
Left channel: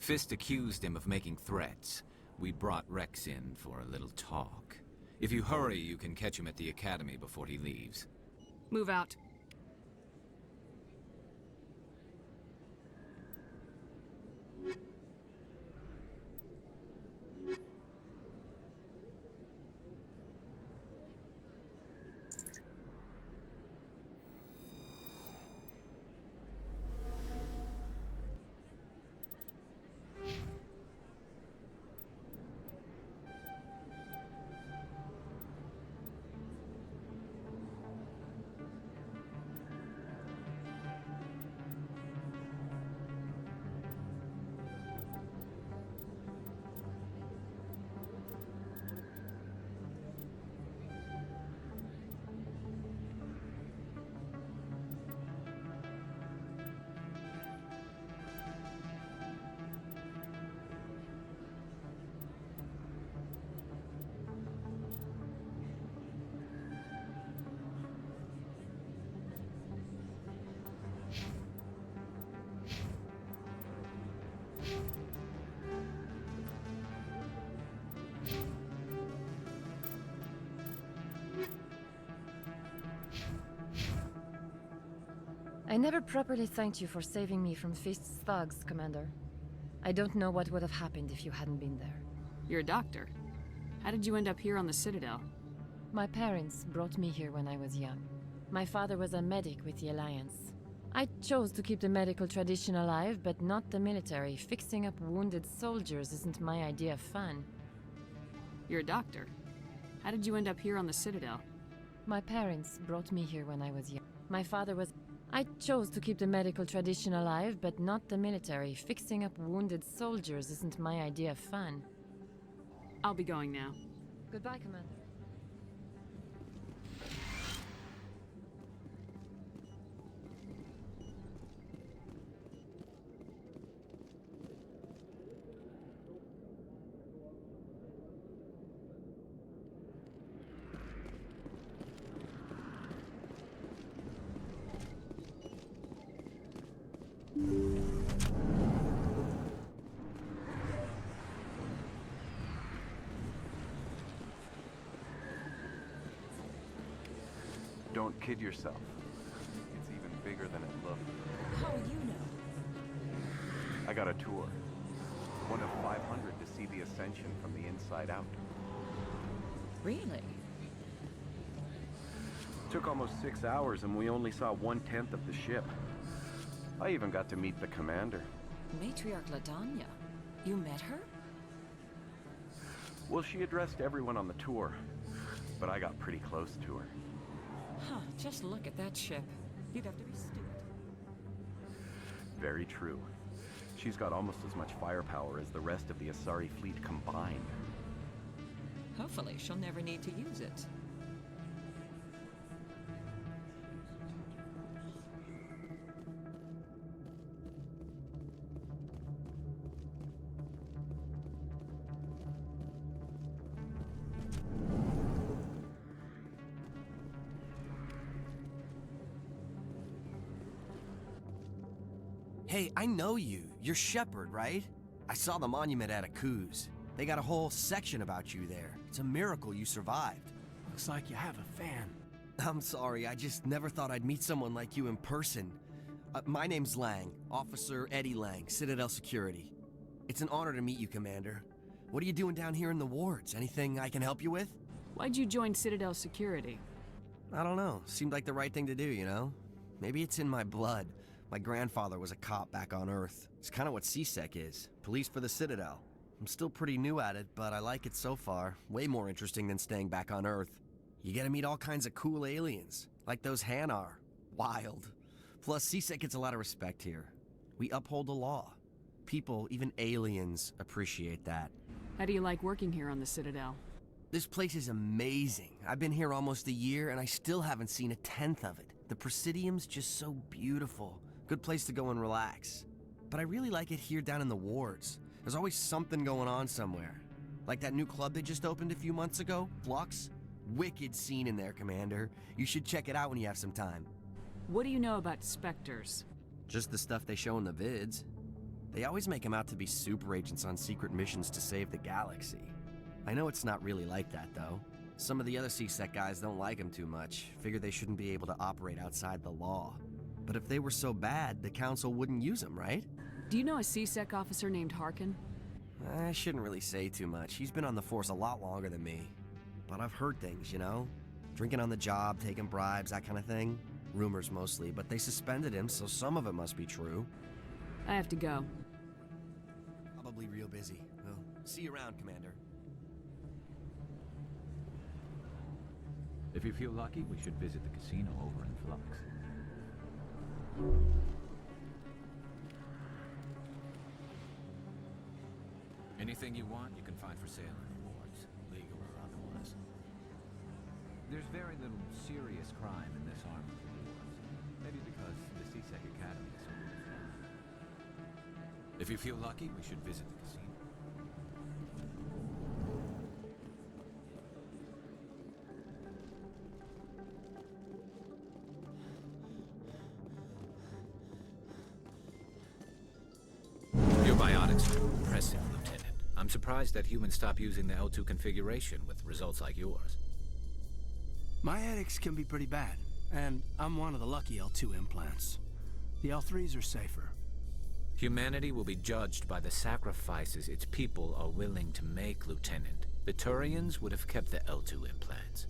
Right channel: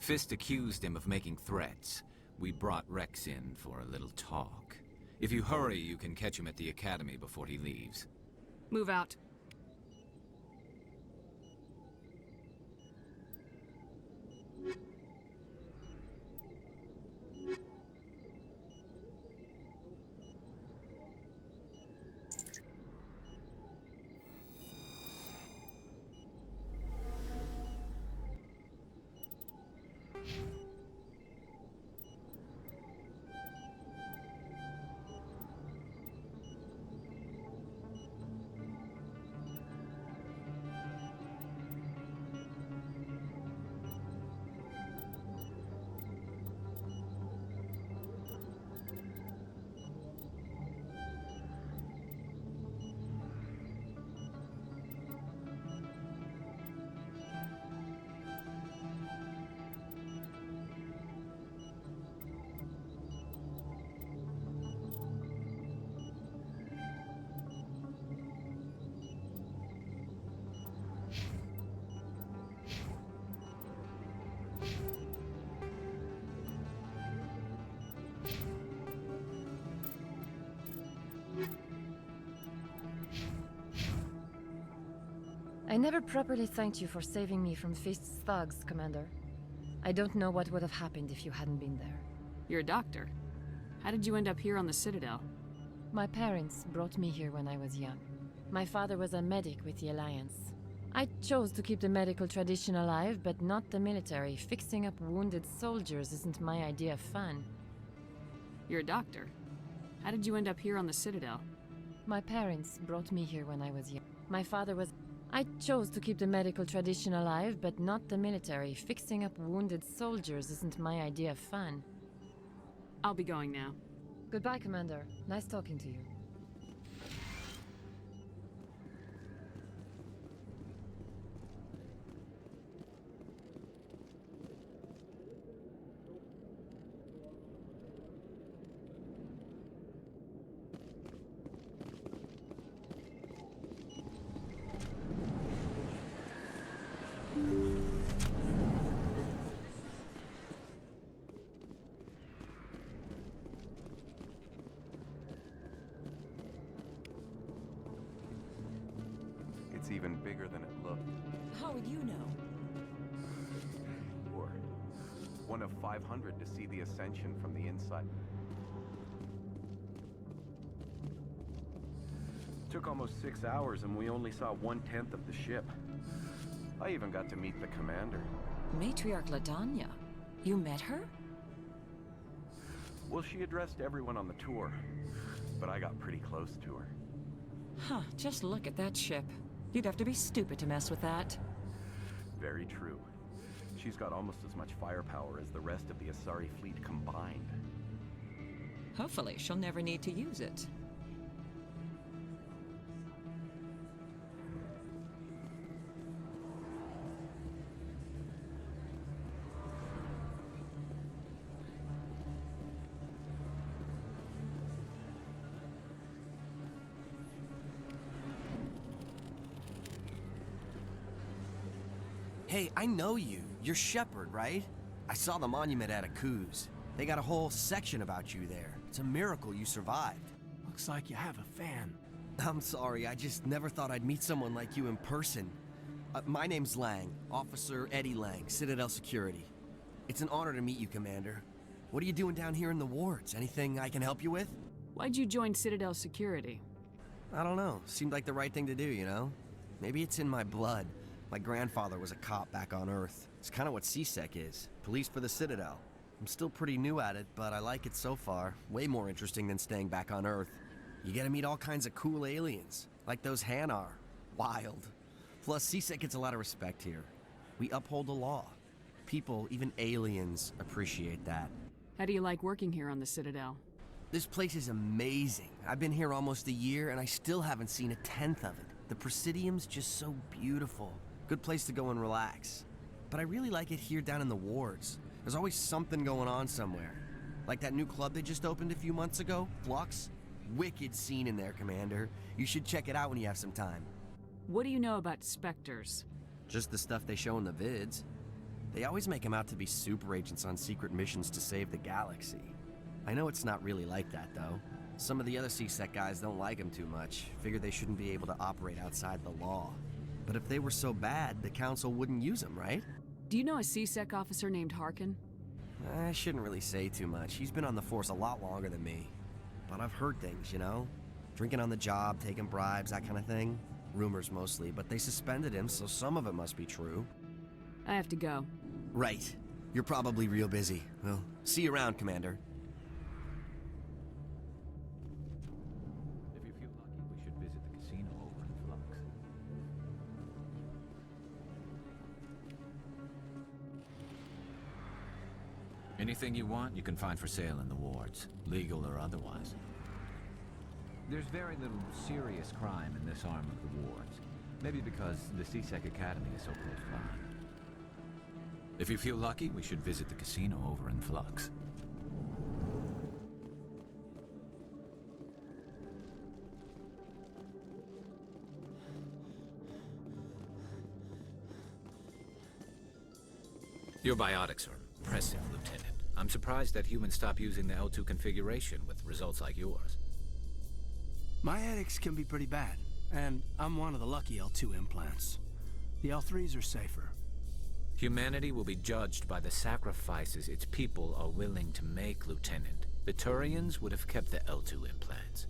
Fist accused him of making threats. We brought Wrex in for a little talk. If you hurry, you can catch him at the Academy before he leaves. Move out. I never properly thanked you for saving me from Fist's thugs, Commander. I don't know what would have happened if you hadn't been there. You're a doctor. How did you end up here on the Citadel? My parents brought me here when I was young. My father was a medic with the Alliance. I chose to keep the medical tradition alive, but not the military. Fixing up wounded soldiers isn't my idea of fun. You're a doctor. How did you end up here on the Citadel? My parents brought me here when I was young. My father was... I chose to keep the medical tradition alive, but not the military. Fixing up wounded soldiers isn't my idea of fun. I'll be going now. Goodbye, Commander. Nice talking to you. Don't kid yourself. It's even bigger than it looked. How would you know? I got a tour. One of 500 to see the Ascension from the inside out. Really? Took almost 6 hours and we only saw 1/10 of the ship. I even got to meet the commander. Matriarch Ladanya. You met her? Well, she addressed everyone on the tour, but I got pretty close to her. Huh, just look at that ship. You'd have to be stupid to mess with that. Very true. She's got almost as much firepower as the rest of the Asari fleet combined. Hopefully, she'll never need to use it. Hey, I know you. You're Shepard, right? I saw the monument at Aku's. They got a whole section about you there. It's a miracle you survived. Looks like you have a fan. I'm sorry, I just never thought I'd meet someone like you in person. My name's Lang, Officer Eddie Lang, Citadel Security. It's an honor to meet you, Commander. What are you doing down here in the wards? Anything I can help you with? Why'd you join Citadel Security? I don't know. Seemed like the right thing to do, you know? Maybe it's in my blood. My grandfather was a cop back on Earth. It's kind of what C-Sec is. Police for the Citadel. I'm still pretty new at it, but I like it so far. Way more interesting than staying back on Earth. You get to meet all kinds of cool aliens, like those Hanar. Wild. Plus, CSEC gets a lot of respect here. We uphold the law. People, even aliens, appreciate that. How do you like working here on the Citadel? This place is amazing. I've been here almost a year, and I still haven't seen a tenth of it. The Presidium's just so beautiful. Good place to go and relax. But I really like it here down in the wards. There's always something going on somewhere. Like that new club they just opened a few months ago, Flux. Wicked scene in there, Commander. You should check it out when you have some time. What do you know about Spectres? Just the stuff they show in the vids. They always make them out to be super agents on secret missions to save the galaxy. I know it's not really like that, though. Some of the other CSEC guys don't like them too much. Figure they shouldn't be able to operate outside the law. But if they were so bad, the Council wouldn't use them, right? Do you know a CSEC officer named Harkin? I shouldn't really say too much. He's been on the force a lot longer than me. But I've heard things, you know? Drinking on the job, taking bribes, that kind of thing. Rumors mostly, but they suspended him, so some of it must be true. I have to go. Right. You're probably real busy. Well, see you around, Commander. If you feel lucky, we should visit the casino over in Flux. Anything you want, you can find for sale in the wards, legal or otherwise. There's very little serious crime in this arm of the wards. Maybe because the CSEC Academy is so close by. If you feel lucky, we should visit the casino over in Flux. Your biotics are impressive, Lieutenant. I'm surprised that humans stop using the L2 configuration with results like yours. My headaches can be pretty bad, and I'm one of the lucky L2 implants. The L3s are safer. Humanity will be judged by the sacrifices its people are willing to make, Lieutenant. The Turians would have kept the L2 implants.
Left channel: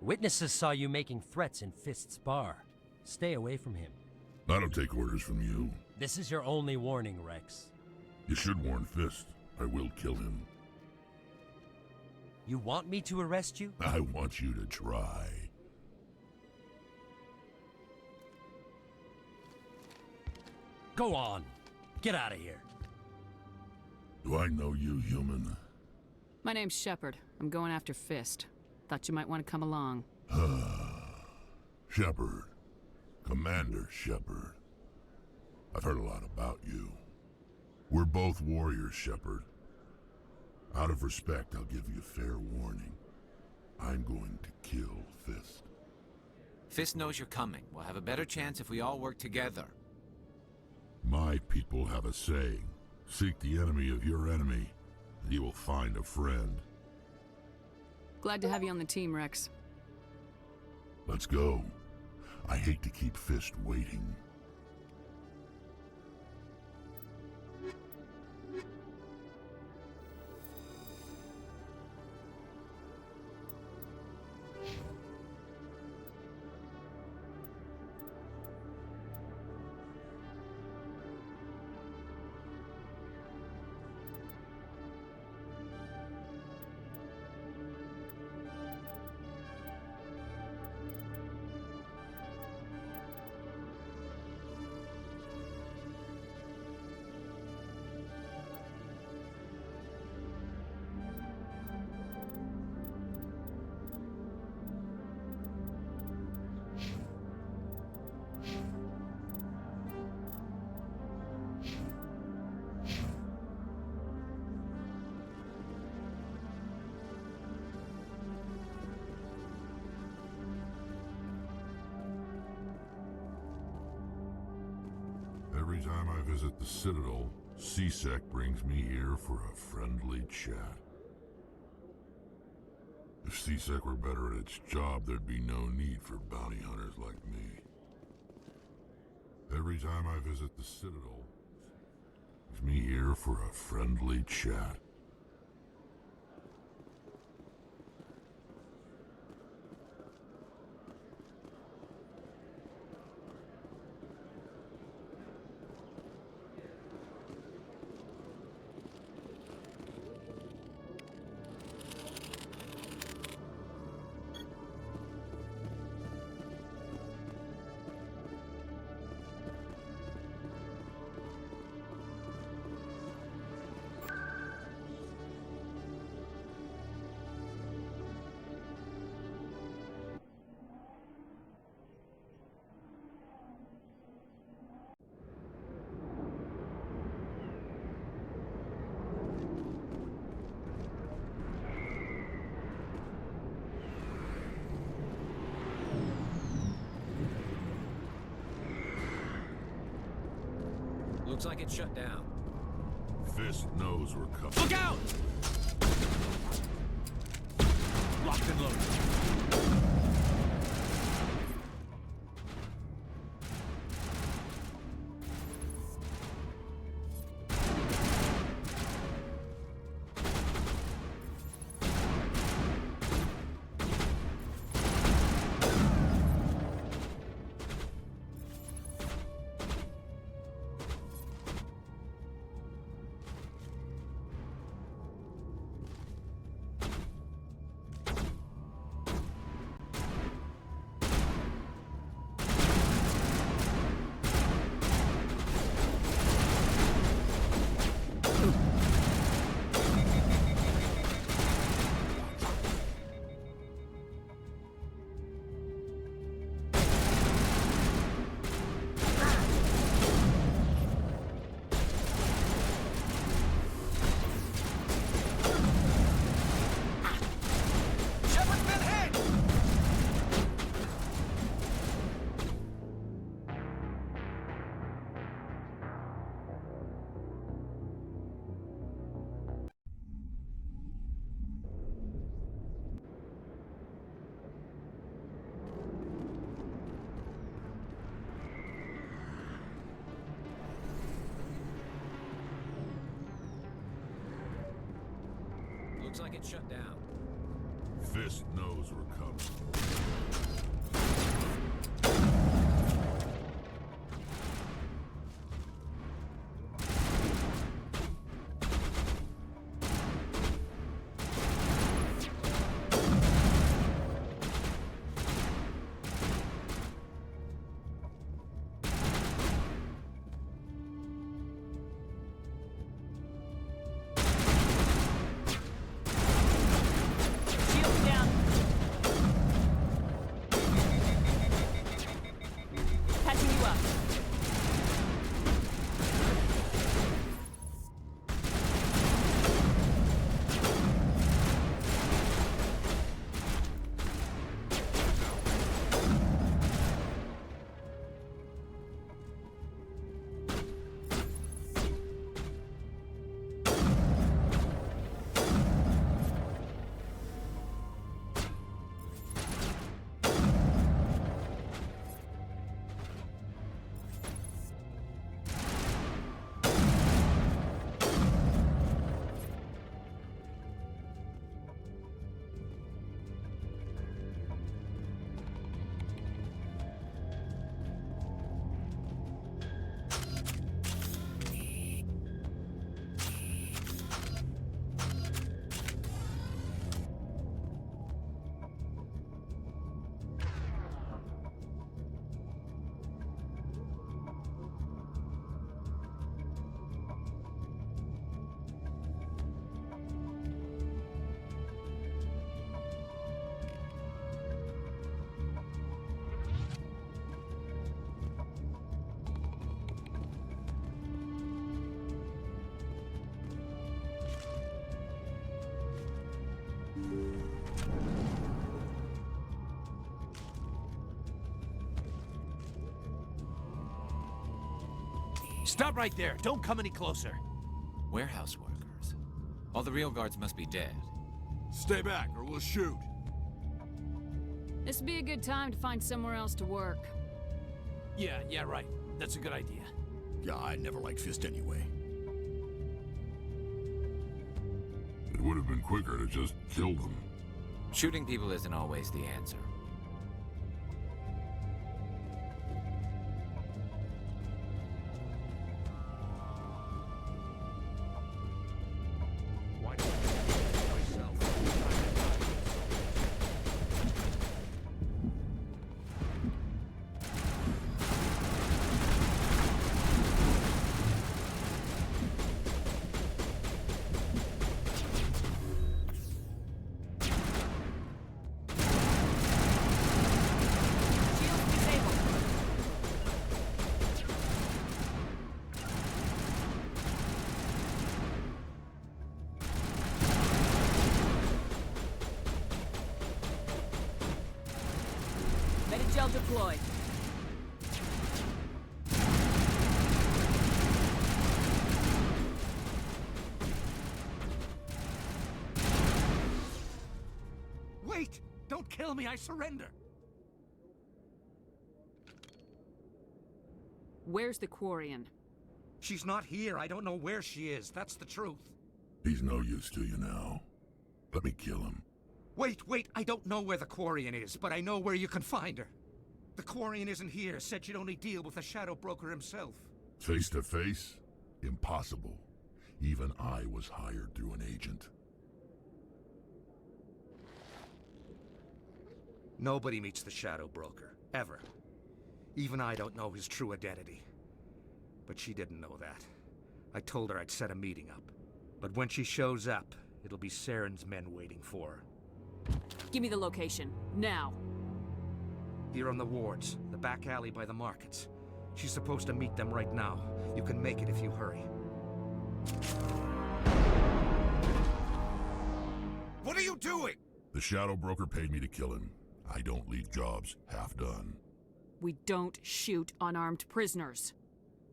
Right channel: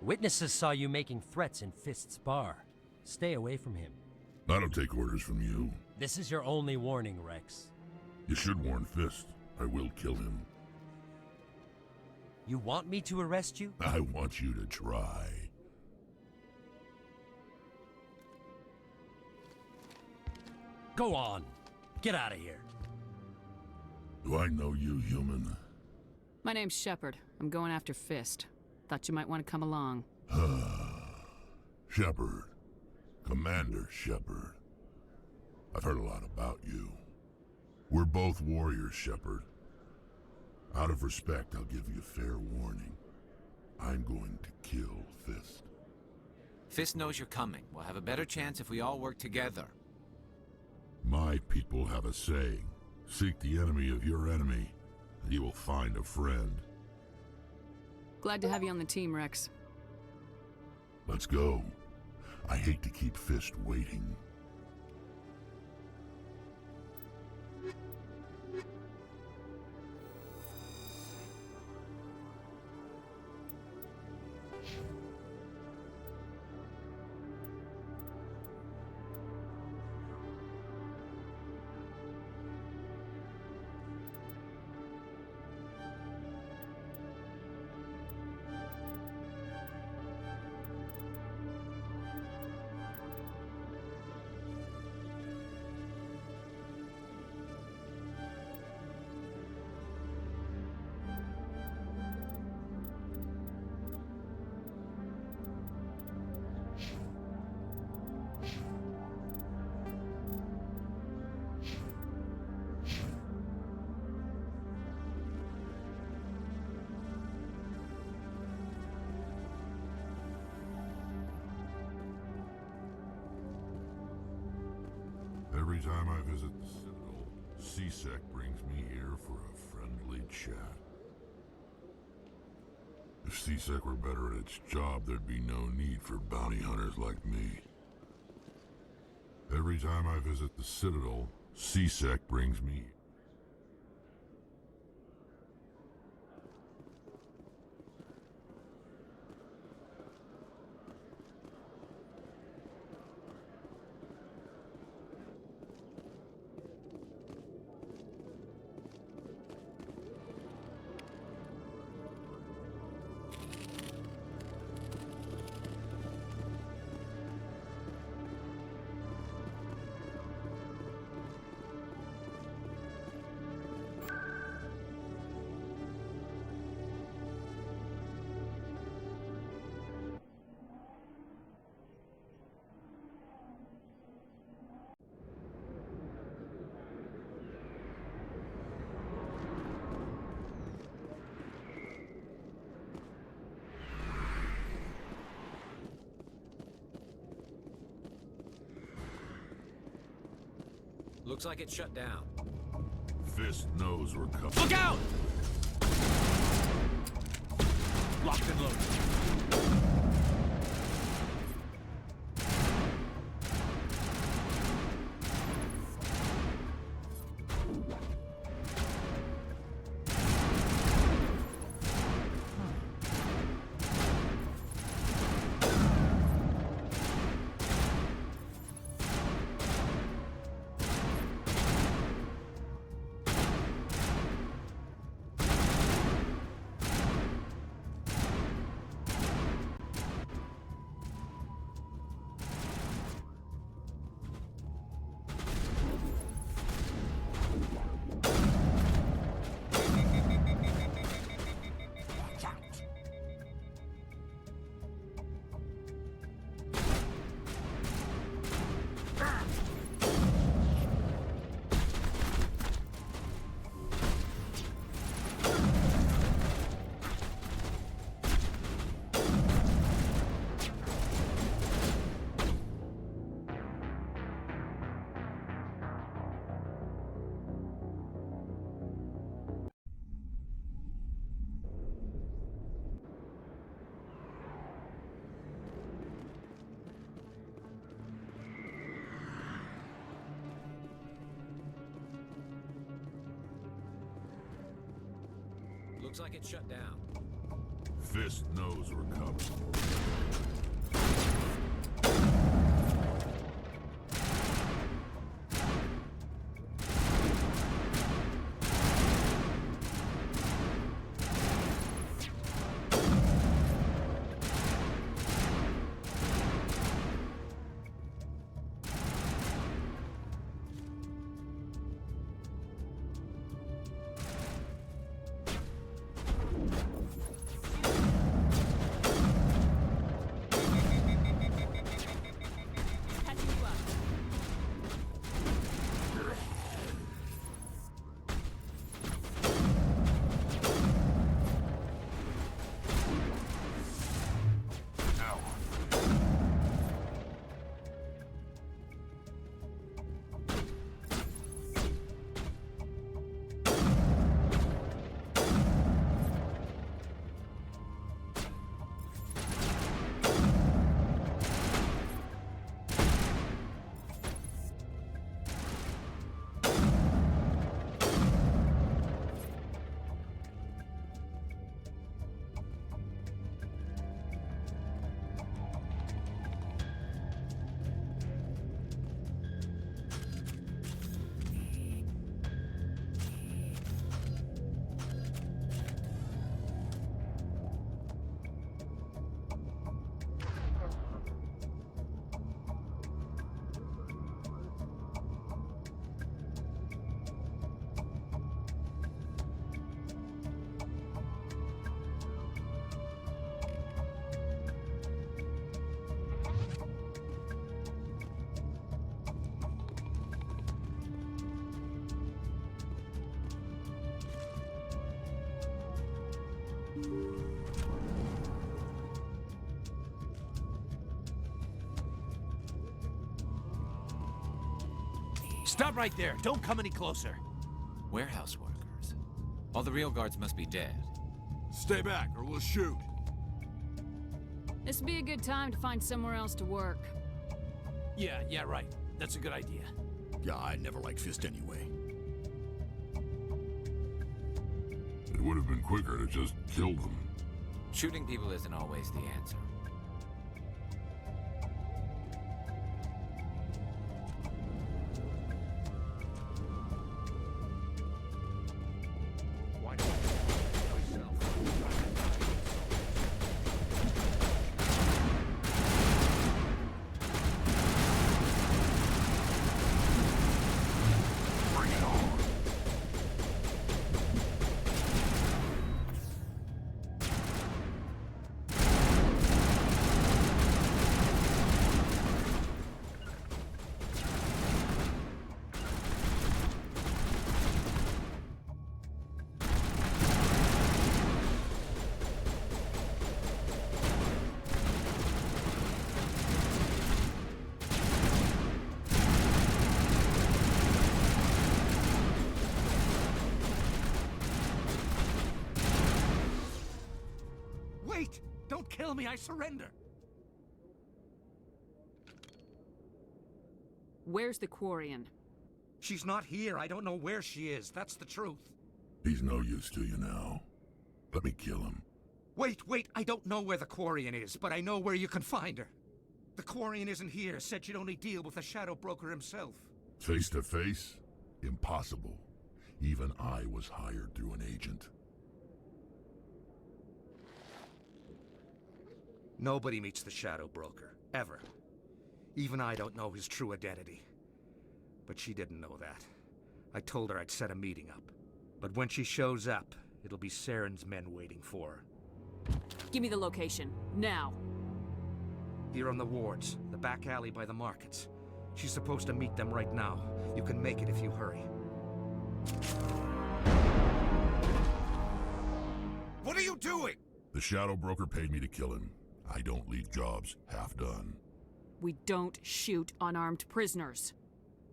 Witnesses saw you making threats in Fist's bar. Stay away from him. I don't take orders from you. This is your only warning, Wrex. You should warn Fist. I will kill him. You want me to arrest you? I want you to try. Go on. Get out of here. Do I know you, human? My name's Shepard. I'm going after Fist. Thought you might want to come along. Shepard. Commander Shepard. I've heard a lot about you. We're both warriors, Shepard. Out of respect, I'll give you fair warning. I'm going to kill Fist. Fist knows you're coming. We'll have a better chance if we all work together. My people have a saying. Seek the enemy of your enemy, and you will find a friend. Glad to have you on the team, Wrex. Let's go. I hate to keep Fist waiting. Every time I visit the Citadel, CSEC brings me here for a friendly chat. If CSEC were better at its job, there'd be no need for bounty hunters like me. Every time I visit the Citadel, CSEC brings me here for a friendly chat. Looks like it's shut down. Fist knows we're coming. Look out! Locked and loaded. Looks like it's shut down. Fist knows we're coming. Stop right there. Don't come any closer. Warehouse workers. All the real guards must be dead. Stay back or we'll shoot. This would be a good time to find somewhere else to work. Yeah, right. That's a good idea. Yeah, I never liked Fist anyway. It would have been quicker to just kill them. Shooting people isn't always the answer. don't kill me, I surrender! Where's the Quarian? She's not here. I don't know where she is. That's the truth. He's no use to you now. Let me kill him. Wait. I don't know where the Quarian is, but I know where you can find her. The Quarian isn't here. Said she'd only deal with the Shadow Broker himself. Face to face? Impossible. Even I was hired through an agent. Nobody meets the Shadow Broker. Ever. Even I don't know his true identity. But she didn't know that. I told her I'd set a meeting up. But when she shows up, it'll be Saren's men waiting for her. Give me the location. Now. Here on the wards, the back alley by the markets. She's supposed to meet them right now. You can make it if you hurry. What are you doing? The Shadow Broker paid me to kill him. I don't leave jobs half done. We don't shoot unarmed prisoners.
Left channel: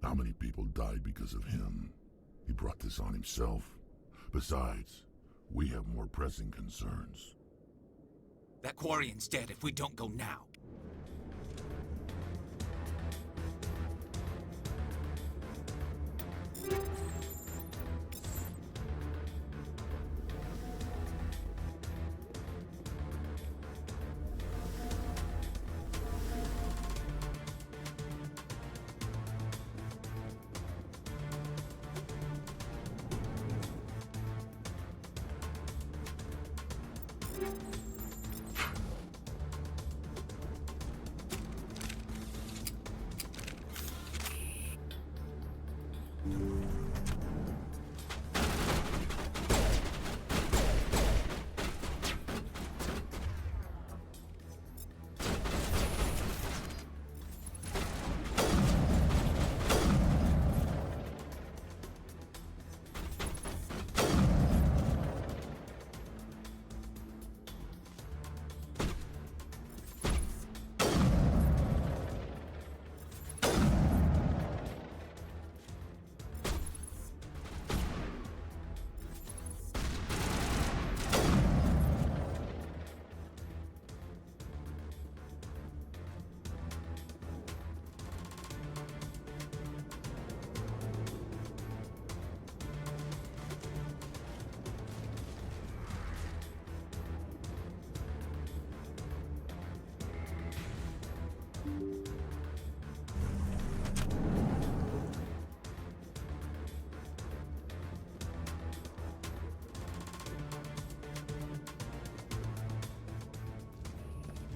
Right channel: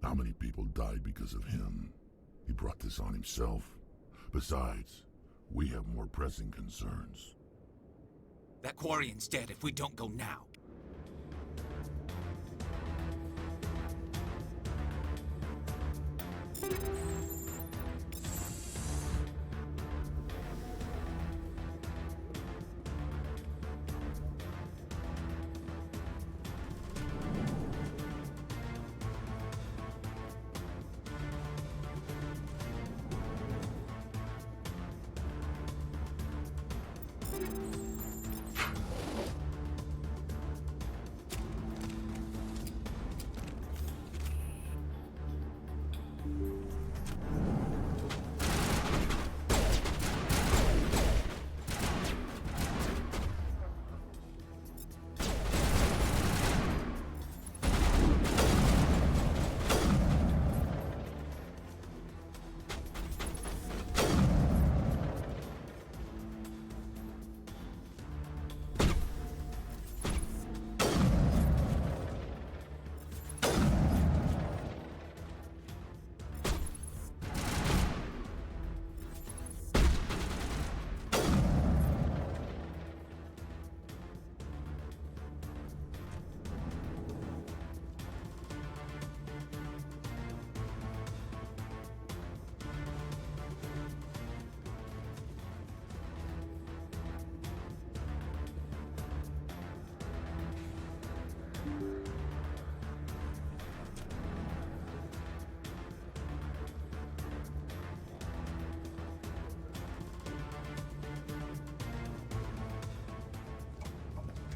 How many people died because of him? He brought this on himself. Besides, we have more pressing concerns. That Quarian's dead if we don't go now.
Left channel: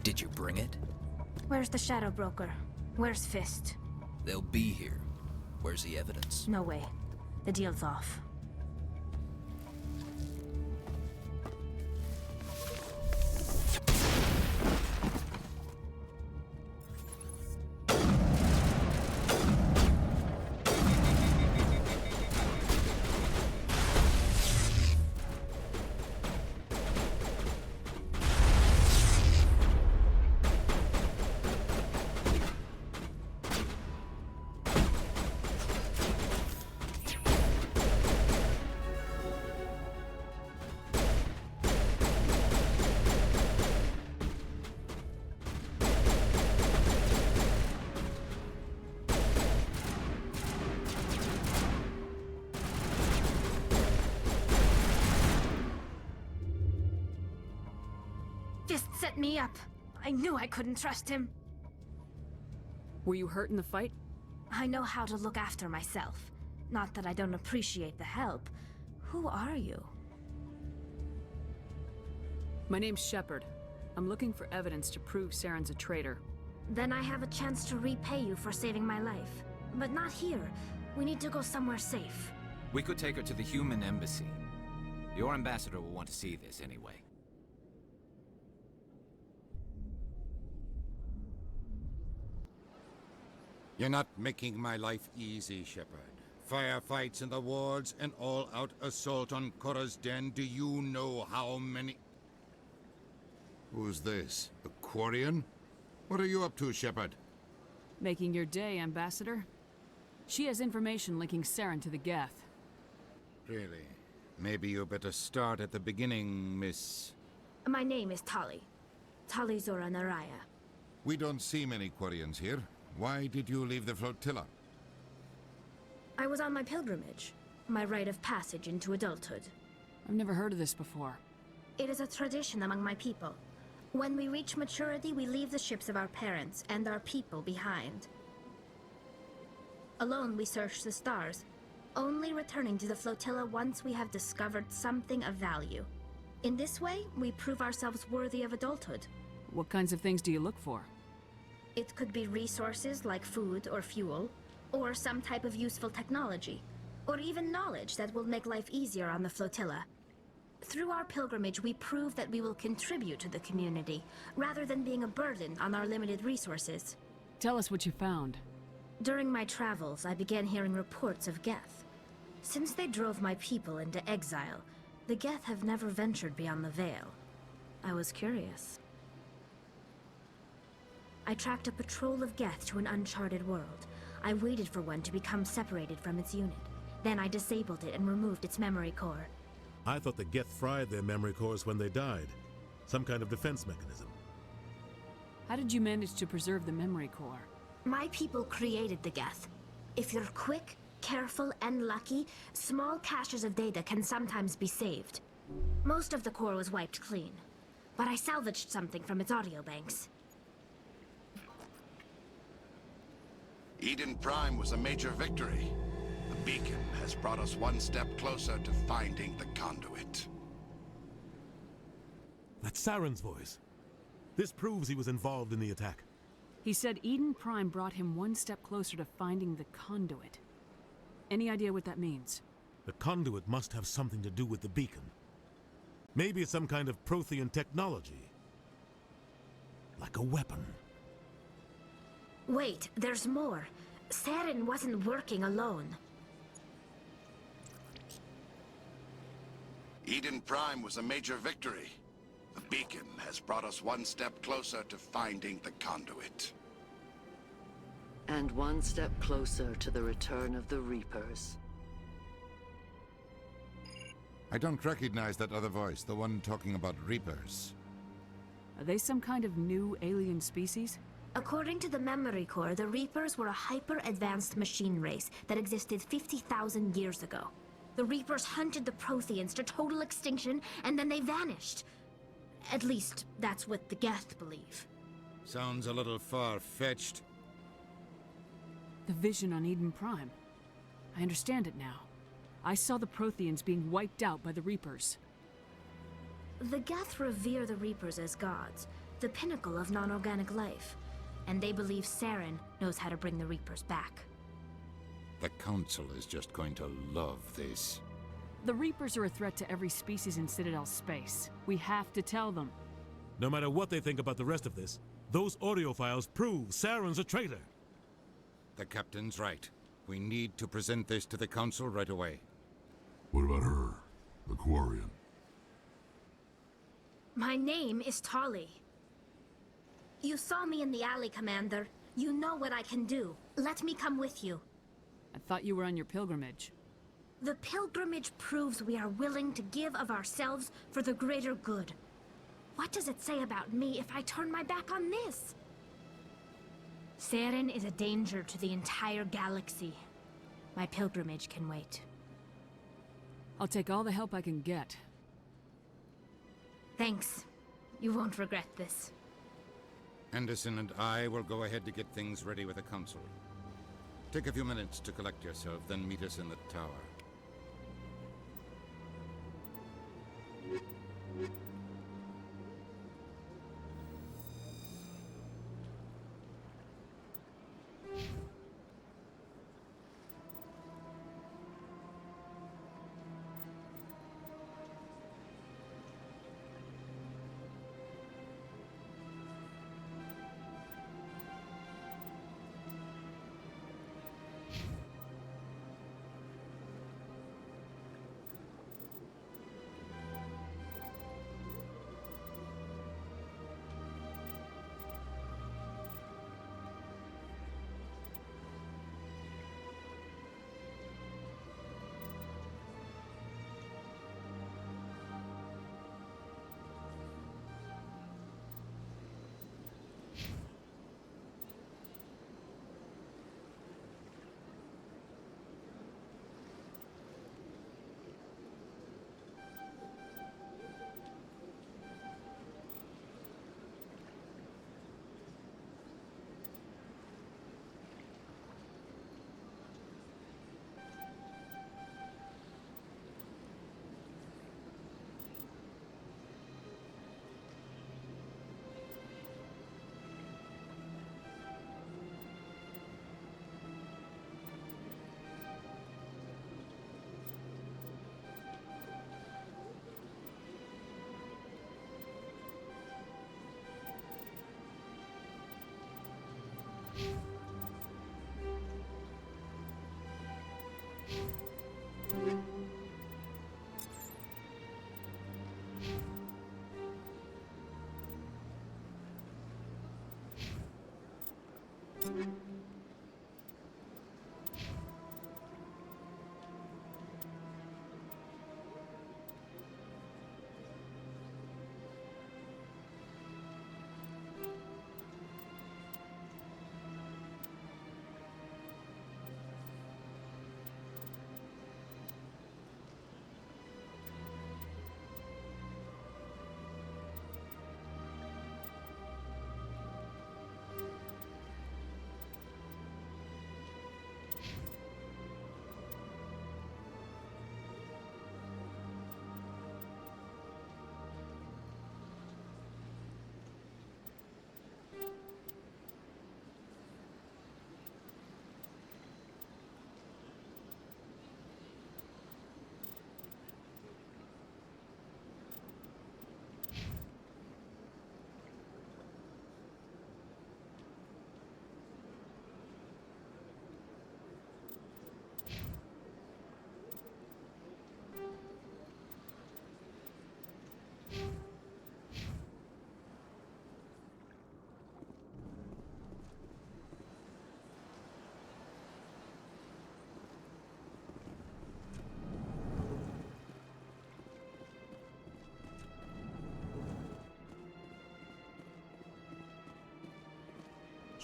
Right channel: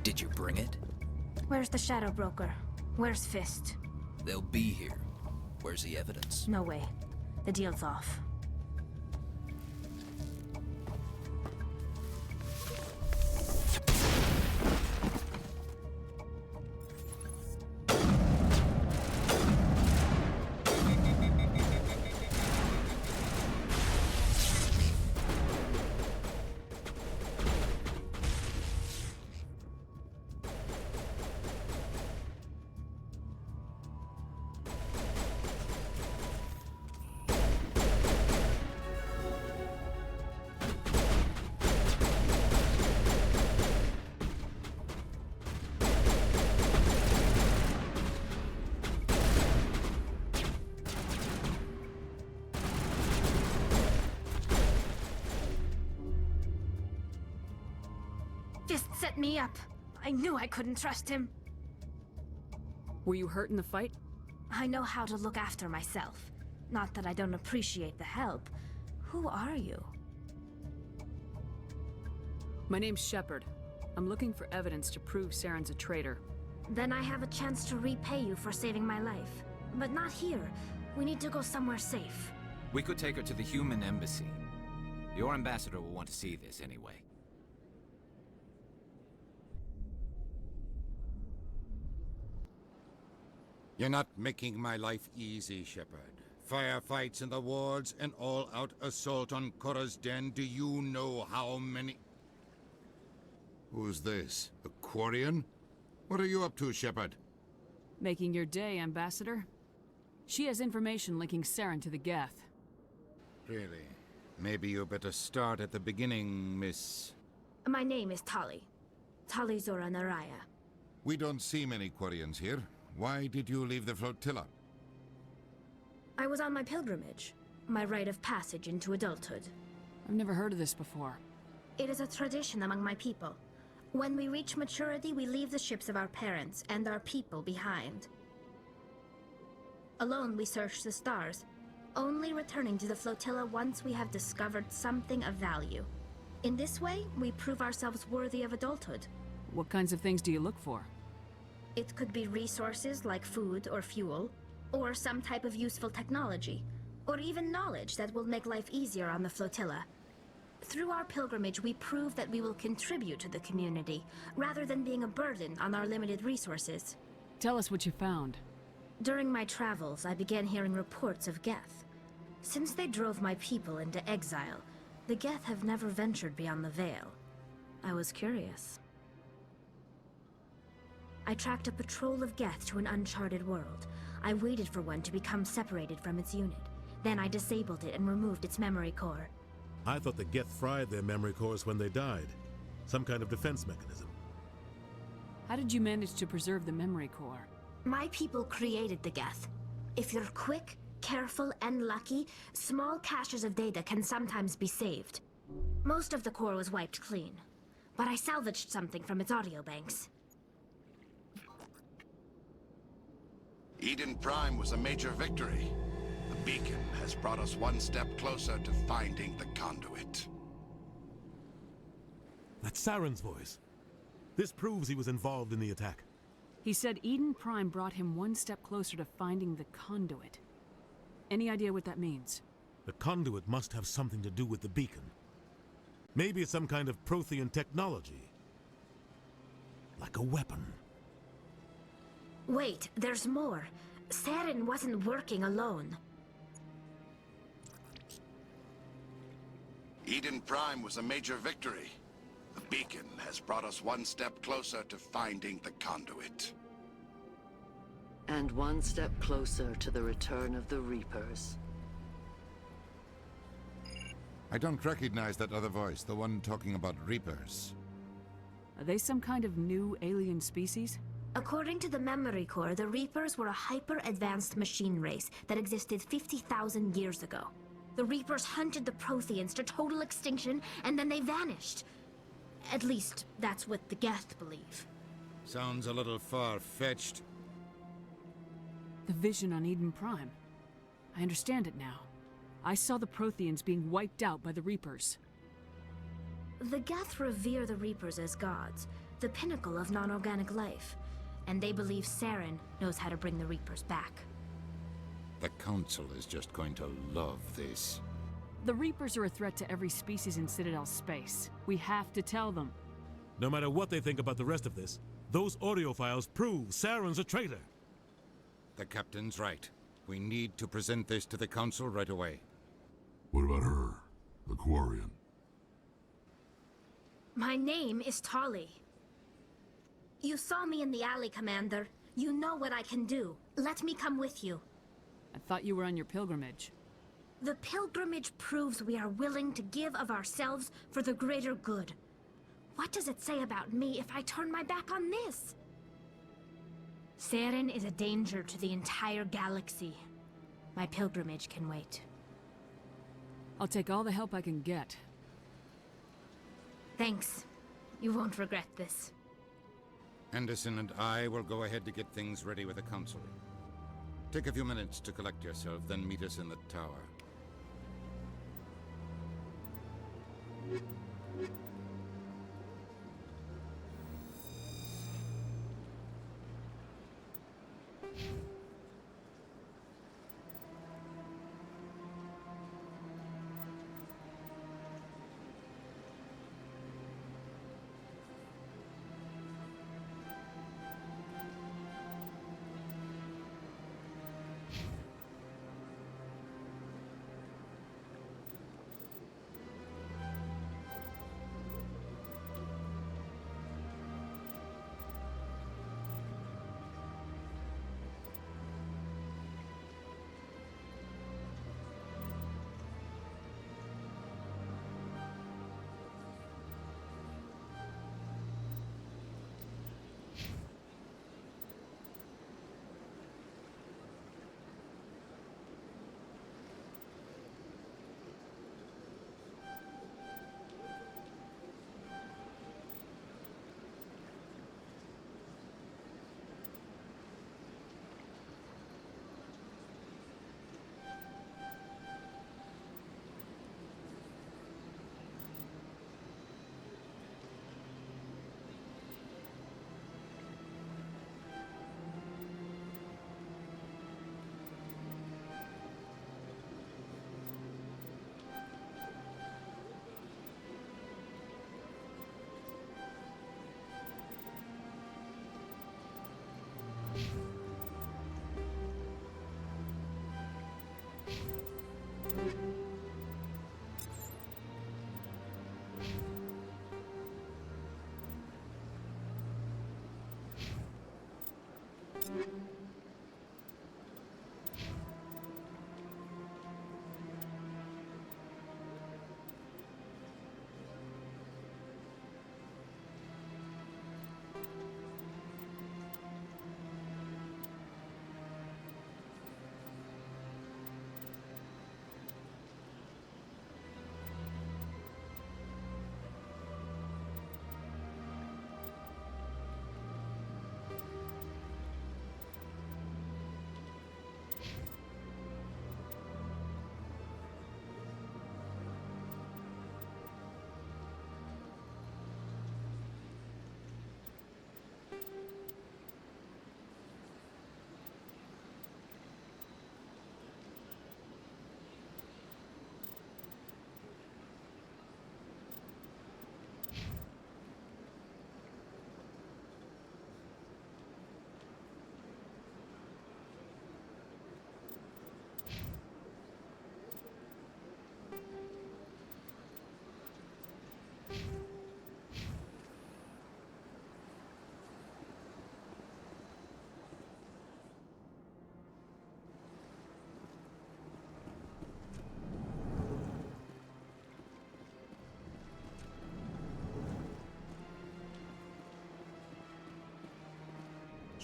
Did you bring it? Where's the Shadow Broker? Where's Fist? They'll be here. Where's the evidence? No way. The deal's off. Fist set me up. I knew I couldn't trust him. Were you hurt in the fight? I know how to look after myself. Not that I don't appreciate the help. Who are you? My name's Shepard. I'm looking for evidence to prove Saren's a traitor. Then I have a chance to repay you for saving my life. But not here. We need to go somewhere safe. We could take her to the human embassy. Your ambassador will want to see this anyway. You're not making my life easy, Shepard. Firefights in the wards, an all-out assault on Chora's den. Do you know how many... Who's this? The Quarian? What are you up to, Shepard? Making your day, Ambassador. She has information linking Saren to the Geth. Really? Maybe you better start at the beginning, Miss... My name is Tali. Tali'Zorah Naraya. We don't see many Quarians here. Why did you leave the flotilla? I was on my pilgrimage, my rite of passage into adulthood. I've never heard of this before. It is a tradition among my people. When we reach maturity, we leave the ships of our parents and our people behind. Alone, we search the stars, only returning to the flotilla once we have discovered something of value. In this way, we prove ourselves worthy of adulthood. What kinds of things do you look for? It could be resources like food or fuel, or some type of useful technology, or even knowledge that will make life easier on the flotilla. Through our pilgrimage, we prove that we will contribute to the community, rather than being a burden on our limited resources. Tell us what you found. During my travels, I began hearing reports of Geth. Since they drove my people into exile, the Geth have never ventured beyond the Veil. I was curious. I tracked a patrol of Geth to an uncharted world. I waited for one to become separated from its unit. Then I disabled it and removed its memory core. I thought the Geth fried their memory cores when they died. Some kind of defense mechanism. How did you manage to preserve the memory core? My people created the Geth. If you're quick, careful, and lucky, small caches of data can sometimes be saved. Most of the core was wiped clean, but I salvaged something from its audio banks. Eden Prime was a major victory. The beacon has brought us one step closer to finding the conduit. That's Saren's voice. This proves he was involved in the attack. He said Eden Prime brought him one step closer to finding the conduit. Any idea what that means? The conduit must have something to do with the beacon. Maybe it's some kind of Prothean technology. Like a weapon. Wait, there's more. Saren wasn't working alone. Eden Prime was a major victory. The beacon has brought us one step closer to finding the conduit. And one step closer to the return of the Reapers. I don't recognize that other voice, the one talking about Reapers. Are they some kind of new alien species? According to the memory core, the Reapers were a hyper-advanced machine race that existed 50,000 years ago. The Reapers hunted the Protheans to total extinction, and then they vanished. At least, that's what the Geth believe. Sounds a little far-fetched. The vision on Eden Prime. I understand it now. I saw the Protheans being wiped out by the Reapers. The Geth revere the Reapers as gods, the pinnacle of non-organic life. And they believe Saren knows how to bring the Reapers back. The Council is just going to love this. The Reapers are a threat to every species in Citadel space. We have to tell them. No matter what they think about the rest of this, those audio files prove Saren's a traitor. The Captain's right. We need to present this to the Council right away. What about her? The Quarian? My name is Tali. You saw me in the alley, Commander. You know what I can do. Let me come with you. I thought you were on your pilgrimage. The pilgrimage proves we are willing to give of ourselves for the greater good. What does it say about me if I turn my back on this? Saren is a danger to the entire galaxy. My pilgrimage can wait. I'll take all the help I can get. Thanks. You won't regret this. Anderson and I will go ahead to get things ready with the Council. Take a few minutes to collect yourself, then meet us in the tower.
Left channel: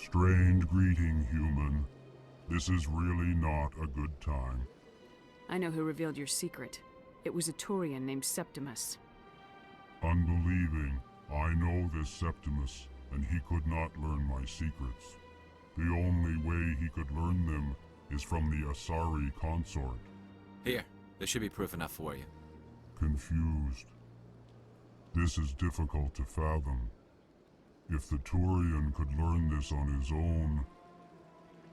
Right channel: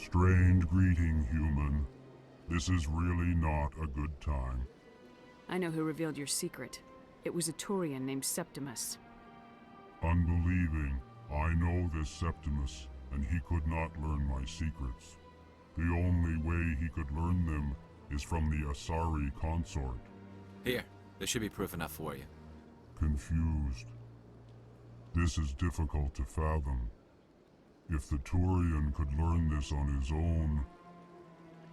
Strained greeting, human. This is really not a good time. I know who revealed your secret. It was a Turian named Septimus. Unbelieving, I know this Septimus, and he could not learn my secrets. The only way he could learn them is from the Asari Consort. Here, this should be proof enough for you. Confused. This is difficult to fathom. If the Turian could learn this on his own,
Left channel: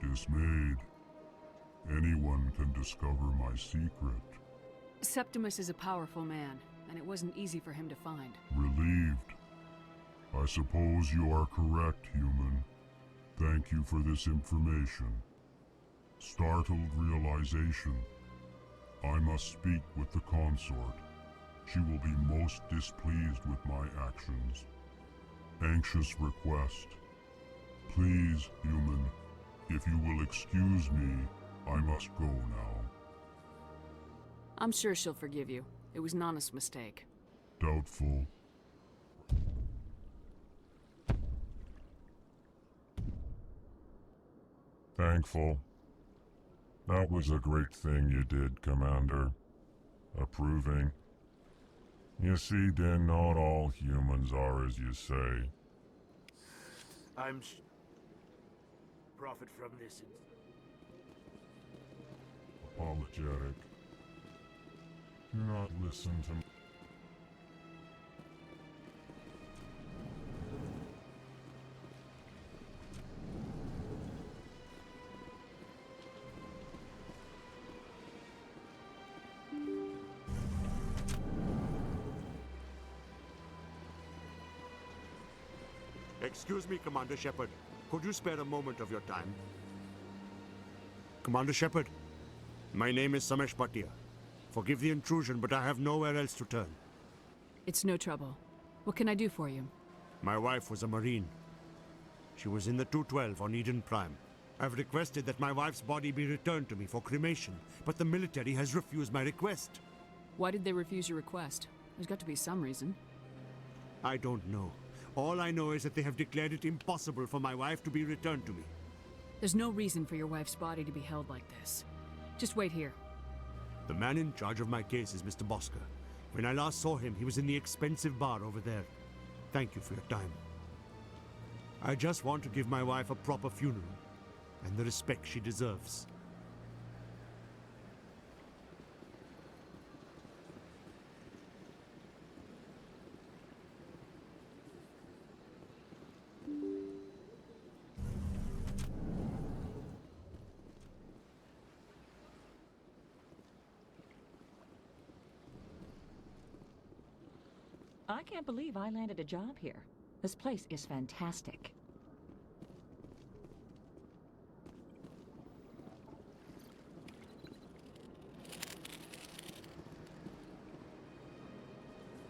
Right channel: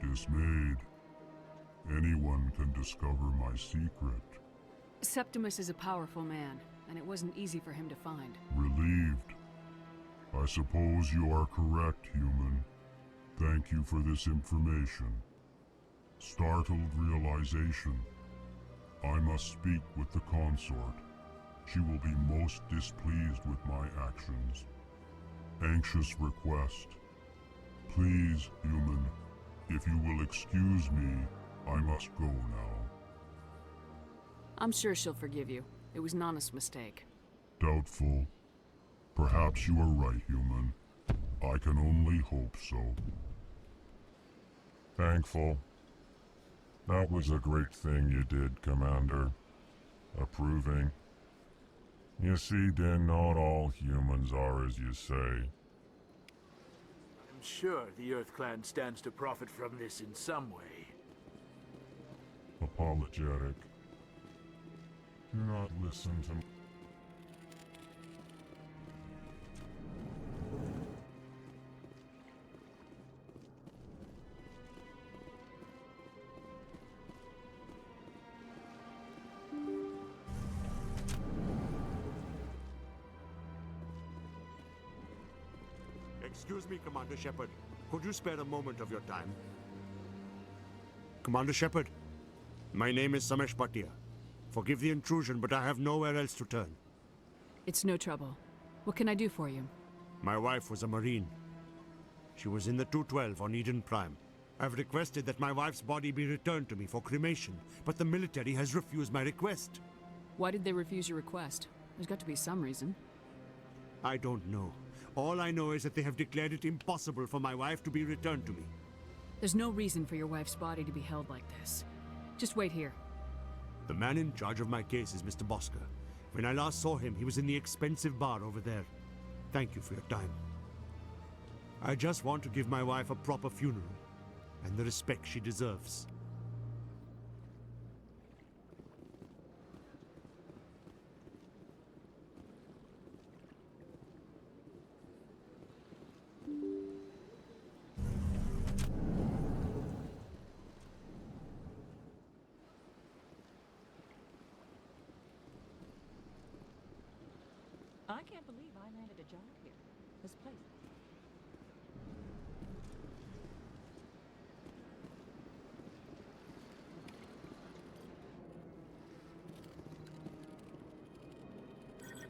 dismayed, anyone can discover my secret. Septimus is a powerful man, and it wasn't easy for him to find. Relieved. I suppose you are correct, human. Thank you for this information. Startled realization. I must speak with the consort. She will be most displeased with my actions. Anxious request. Please, human, if you will excuse me, I must go now. I'm sure she'll forgive you. It was an honest mistake. Doubtful. Perhaps you are right, human. I can only hope so. Thankful. That was a great thing you did, Commander. Approving. You see, then not all humans are as you say. I'm sure the Earth Clan stands to profit from this in some way. Apologetic. Do not listen to me. Excuse me, Commander Shepard. Could you spare a moment of your time? Commander Shepard, my name is Samesh Bhatia. Forgive the intrusion, but I have nowhere else to turn. It's no trouble. What can I do for you? My wife was a Marine. She was in the 212 on Eden Prime. I've requested that my wife's body be returned to me for cremation, but the military has refused my request. Why did they refuse your request? There's got to be some reason. I don't know. All I know is that they have declared it impossible for my wife to be returned to me. There's no reason for your wife's body to be held like this. Just wait here. The man in charge of my case is Mr. Bosker. When I last saw him, he was in the expensive bar over there. Thank you for your time. I just want to give my wife a proper funeral, and the respect she deserves. I can't believe I landed a job here. This place is fantastic.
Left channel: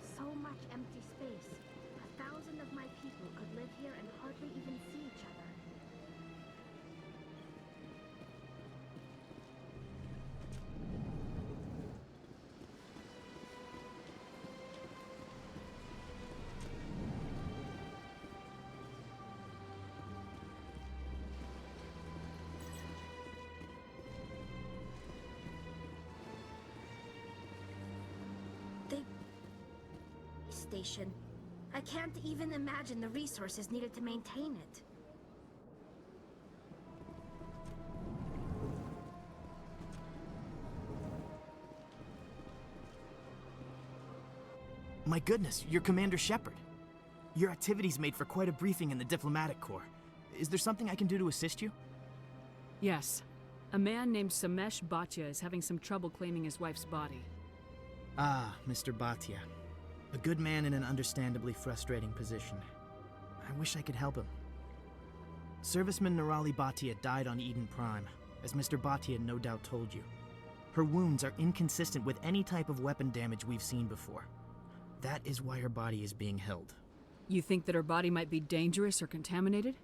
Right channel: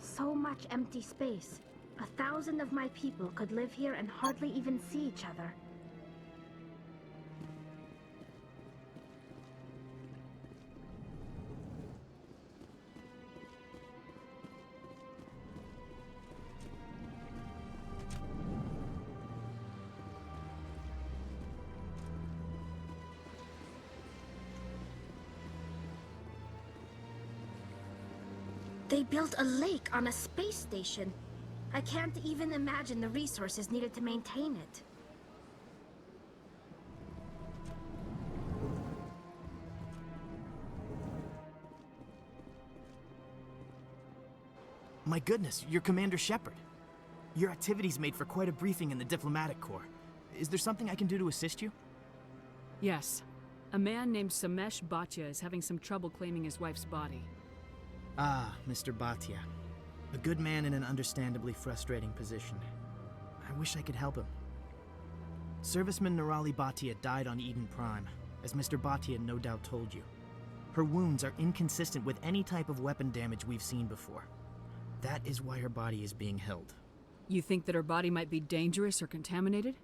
So much empty space. 1,000 of my people could live here and hardly even see each other. They built a lake on a space station. I can't even imagine the resources needed to maintain it. My goodness, you're Commander Shepard. Your activities made for quite a briefing in the Diplomatic Corps. Is there something I can do to assist you? Yes. A man named Samesh Bhatia is having some trouble claiming his wife's body. Ah, Mr. Bhatia. A good man in an understandably frustrating position. I wish I could help him. Serviceman Nirali Bhatia died on Eden Prime, as Mr. Bhatia no doubt told you. Her wounds are inconsistent with any type of weapon damage we've seen before. That is why her body is being held. You think that her body might be dangerous or contaminated?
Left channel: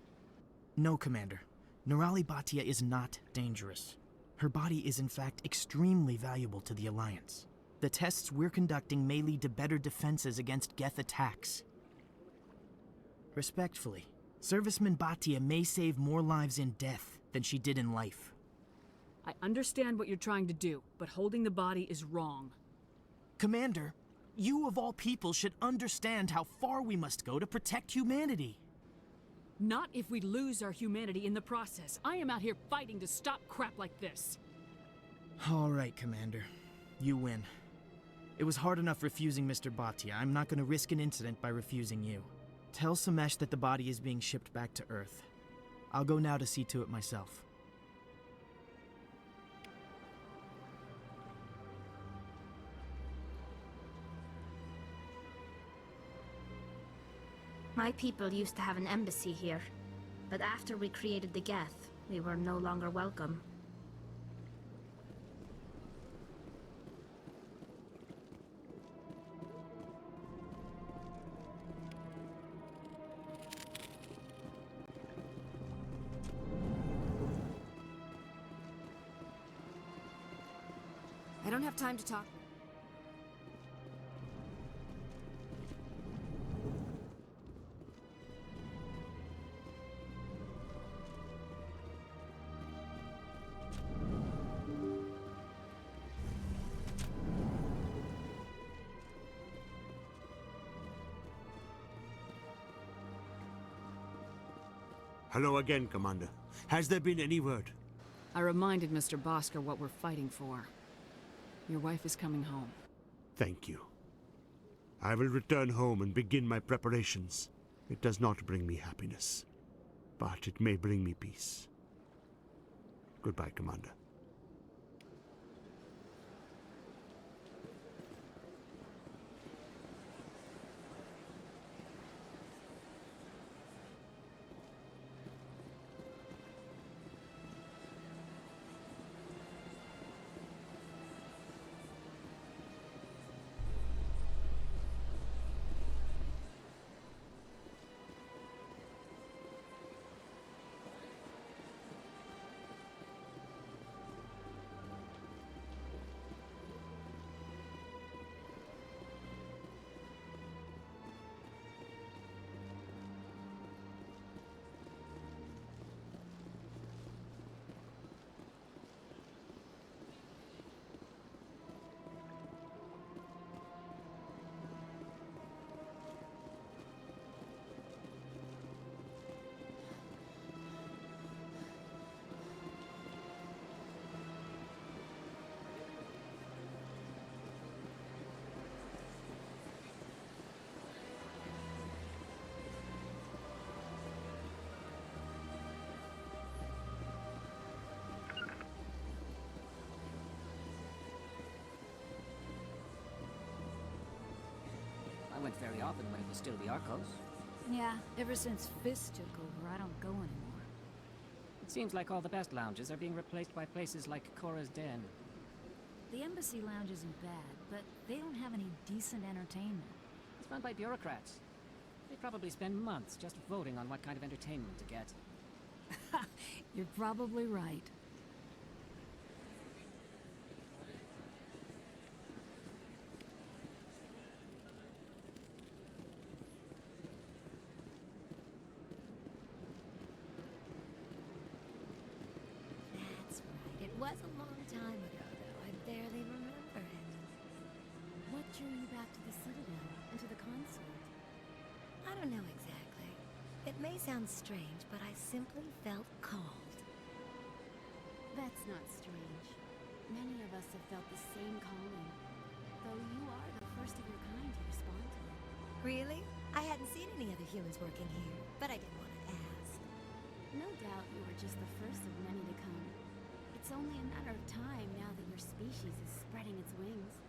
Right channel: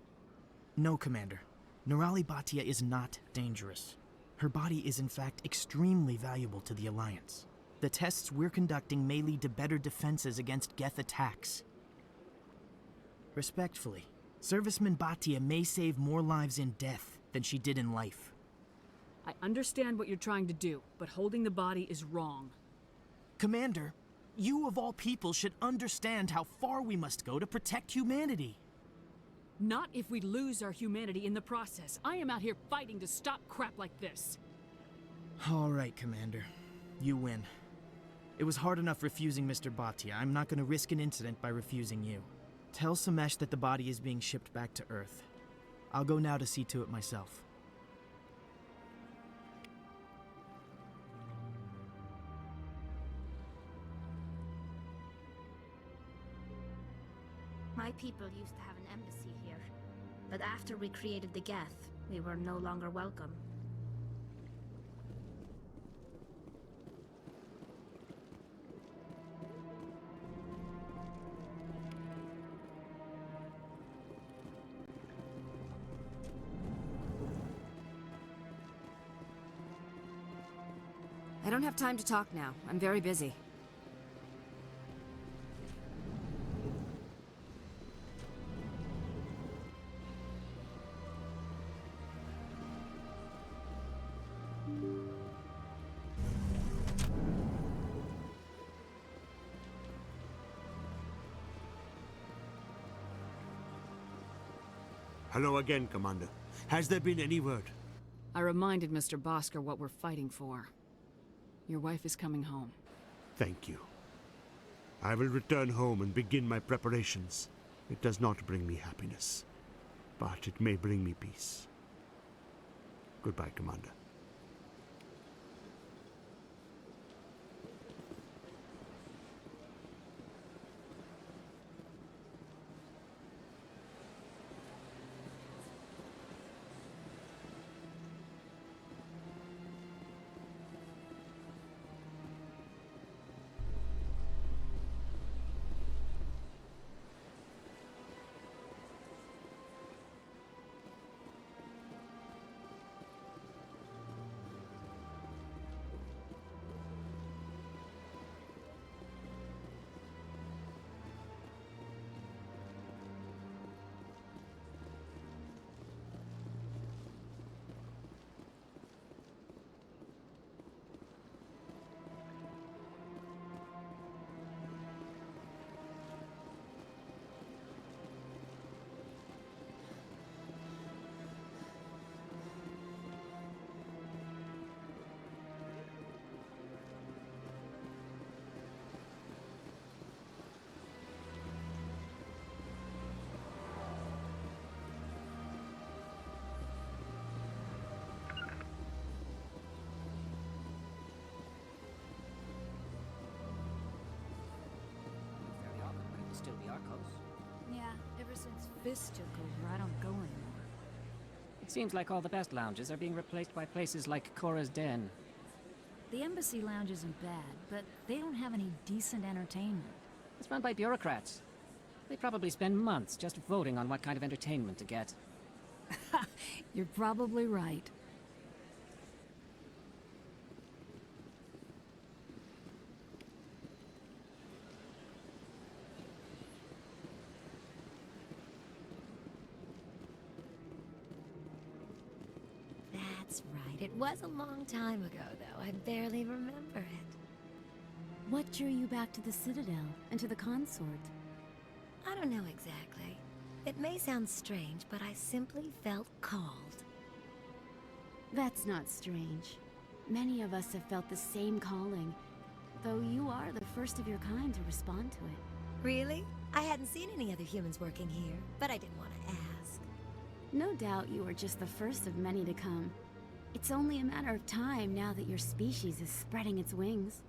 No, Commander. Nirali Bhatia is not dangerous. Her body is in fact extremely valuable to the Alliance. The tests we're conducting may lead to better defenses against Geth attacks. Respectfully, Serviceman Bhatia may save more lives in death than she did in life. I understand what you're trying to do, but holding the body is wrong. Commander, you of all people should understand how far we must go to protect humanity. Not if we lose our humanity in the process. I am out here fighting to stop crap like this. All right, Commander. You win. It was hard enough refusing Mr. Bhatia. I'm not going to risk an incident by refusing you. Tell Samesh that the body is being shipped back to Earth. I'll go now to see to it myself. My people used to have an embassy here, but after we created the Geth, we were no longer welcome. I don't have time to talk now. I'm very busy. Hello again, Commander. Has there been any word? I reminded Mr. Bosker what we're fighting for. Your wife is coming home. Thank you. I will return home and begin my preparations. It does not bring me happiness, but it may bring me peace. Goodbye, Commander. Very often when it was still the Arcos. Yeah, ever since Fist took over, I don't go anymore. It seems like all the best lounges are being replaced by places like Chora's Den. The Embassy Lounge isn't bad, but they don't have any decent entertainment. It's run by bureaucrats. They probably spend months just voting on what kind of entertainment to get. You're probably right. It was a long time ago, though. I barely remember it. What drew you back to the Citadel and to the Consort? I don't know exactly. It may sound strange, but I simply felt called. That's not strange. Many of us have felt the same calling, though you are the first of your kind to respond to it. Really? I hadn't seen any other humans working here, but I didn't want to ask. No doubt you are just the first of many to come. It's only a matter of time now that your species is spreading its wings.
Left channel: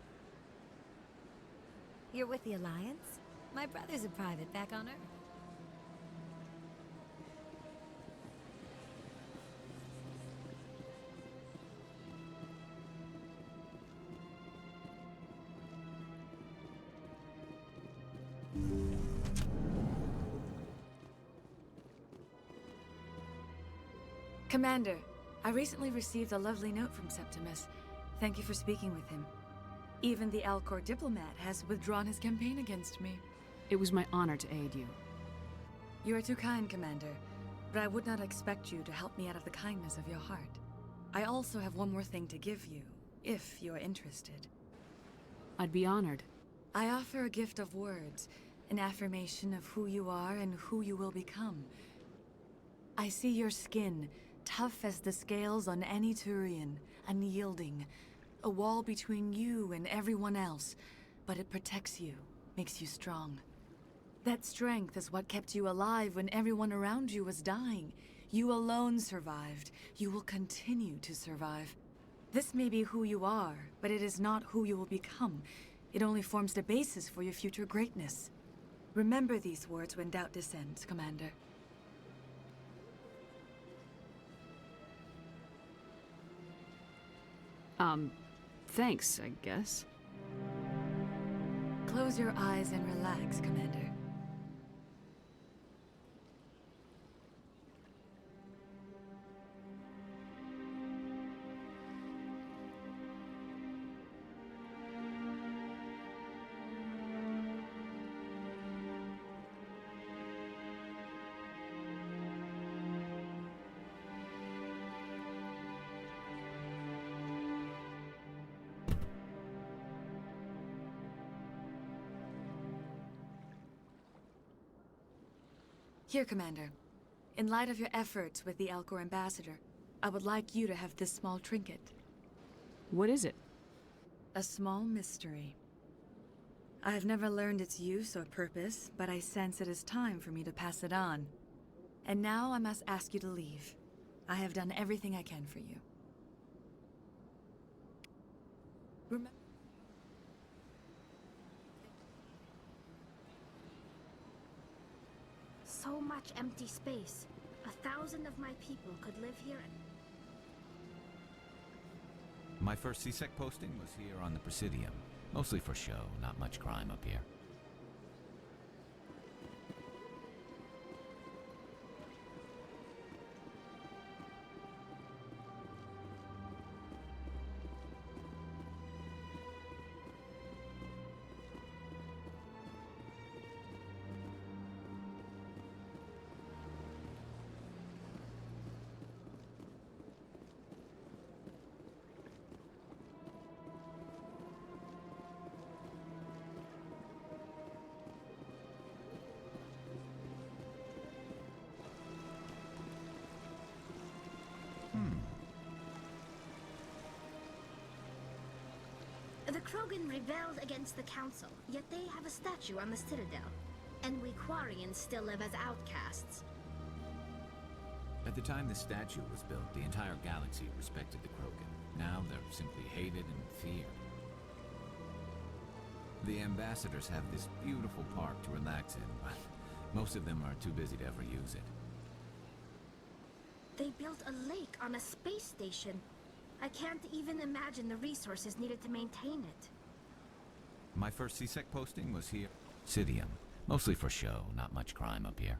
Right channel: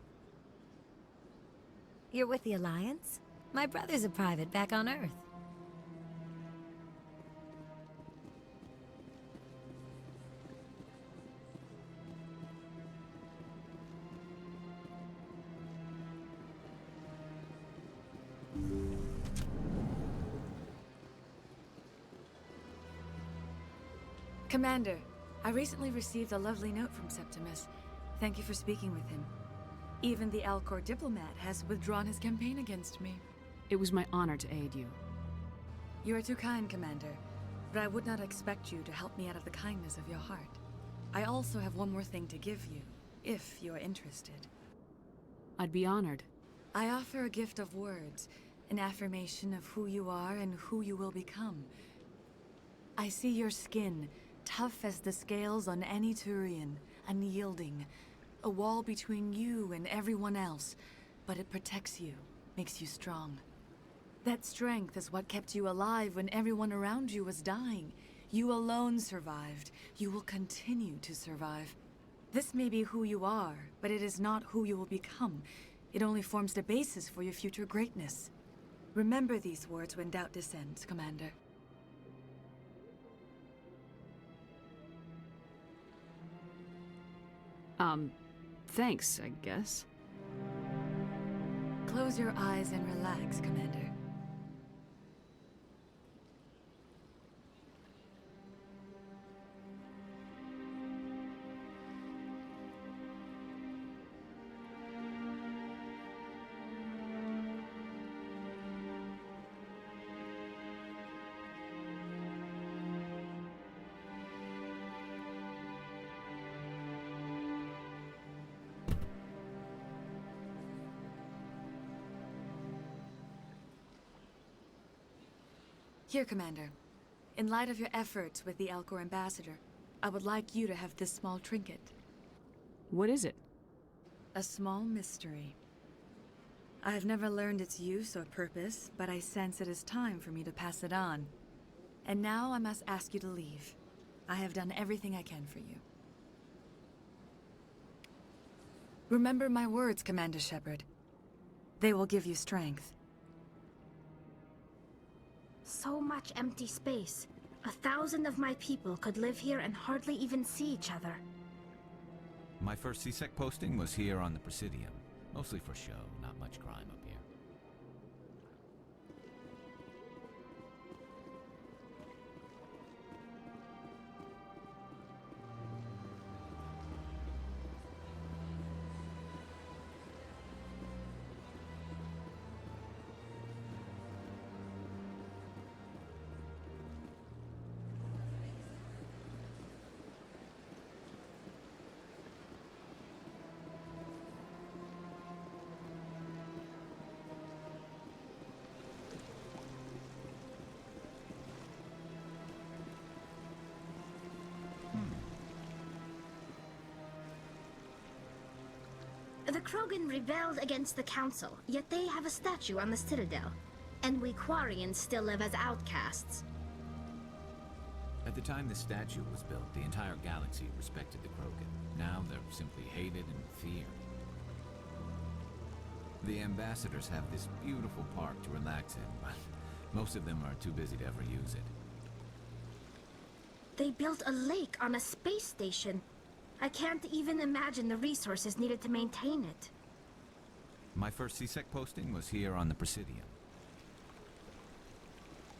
You're with the Alliance? My brother's a private back on Earth. Commander, I recently received a lovely note from Septimus. Thank you for speaking with him. Even the Elcor diplomat has withdrawn his campaign against me. It was my honor to aid you. You are too kind, Commander, but I would not expect you to help me out of the kindness of your heart. I also have one more thing to give you, if you are interested. I'd be honored. I offer a gift of words, an affirmation of who you are and who you will become. I see your skin, tough as the scales on any Turian, unyielding, a wall between you and everyone else, but it protects you, makes you strong. That strength is what kept you alive when everyone around you was dying. You alone survived. You will continue to survive. This may be who you are, but it is not who you will become. It only forms the basis for your future greatness. Remember these words when doubt descends, Commander. Thanks, I guess. Close your eyes and relax, Commander. Here, Commander. In light of your efforts with the Elcor ambassador, I would like you to have this small trinket. What is it? A small mystery. I have never learned its use or purpose, but I sense it is time for me to pass it on. And now I must ask you to leave. I have done everything I can for you. Remember my words, Commander Shepard. They will give you strength. So much empty space. 1,000 of my people could live here and hardly even see each other. My first C-Sec posting was here on the Presidium. Mostly for show, not much crime up here. The Krogan rebelled against the Council, yet they have a statue on the Citadel. And we Quarians still live as outcasts. At the time this statue was built, the entire galaxy respected the Krogan. Now they're simply hated and feared. The ambassadors have this beautiful park to relax in, but most of them are too busy to ever use it. They built a lake on a space station. I can't even imagine the resources needed to maintain it. My first C-Sec posting was here on the Presidium. Mostly for show, not much crime up here.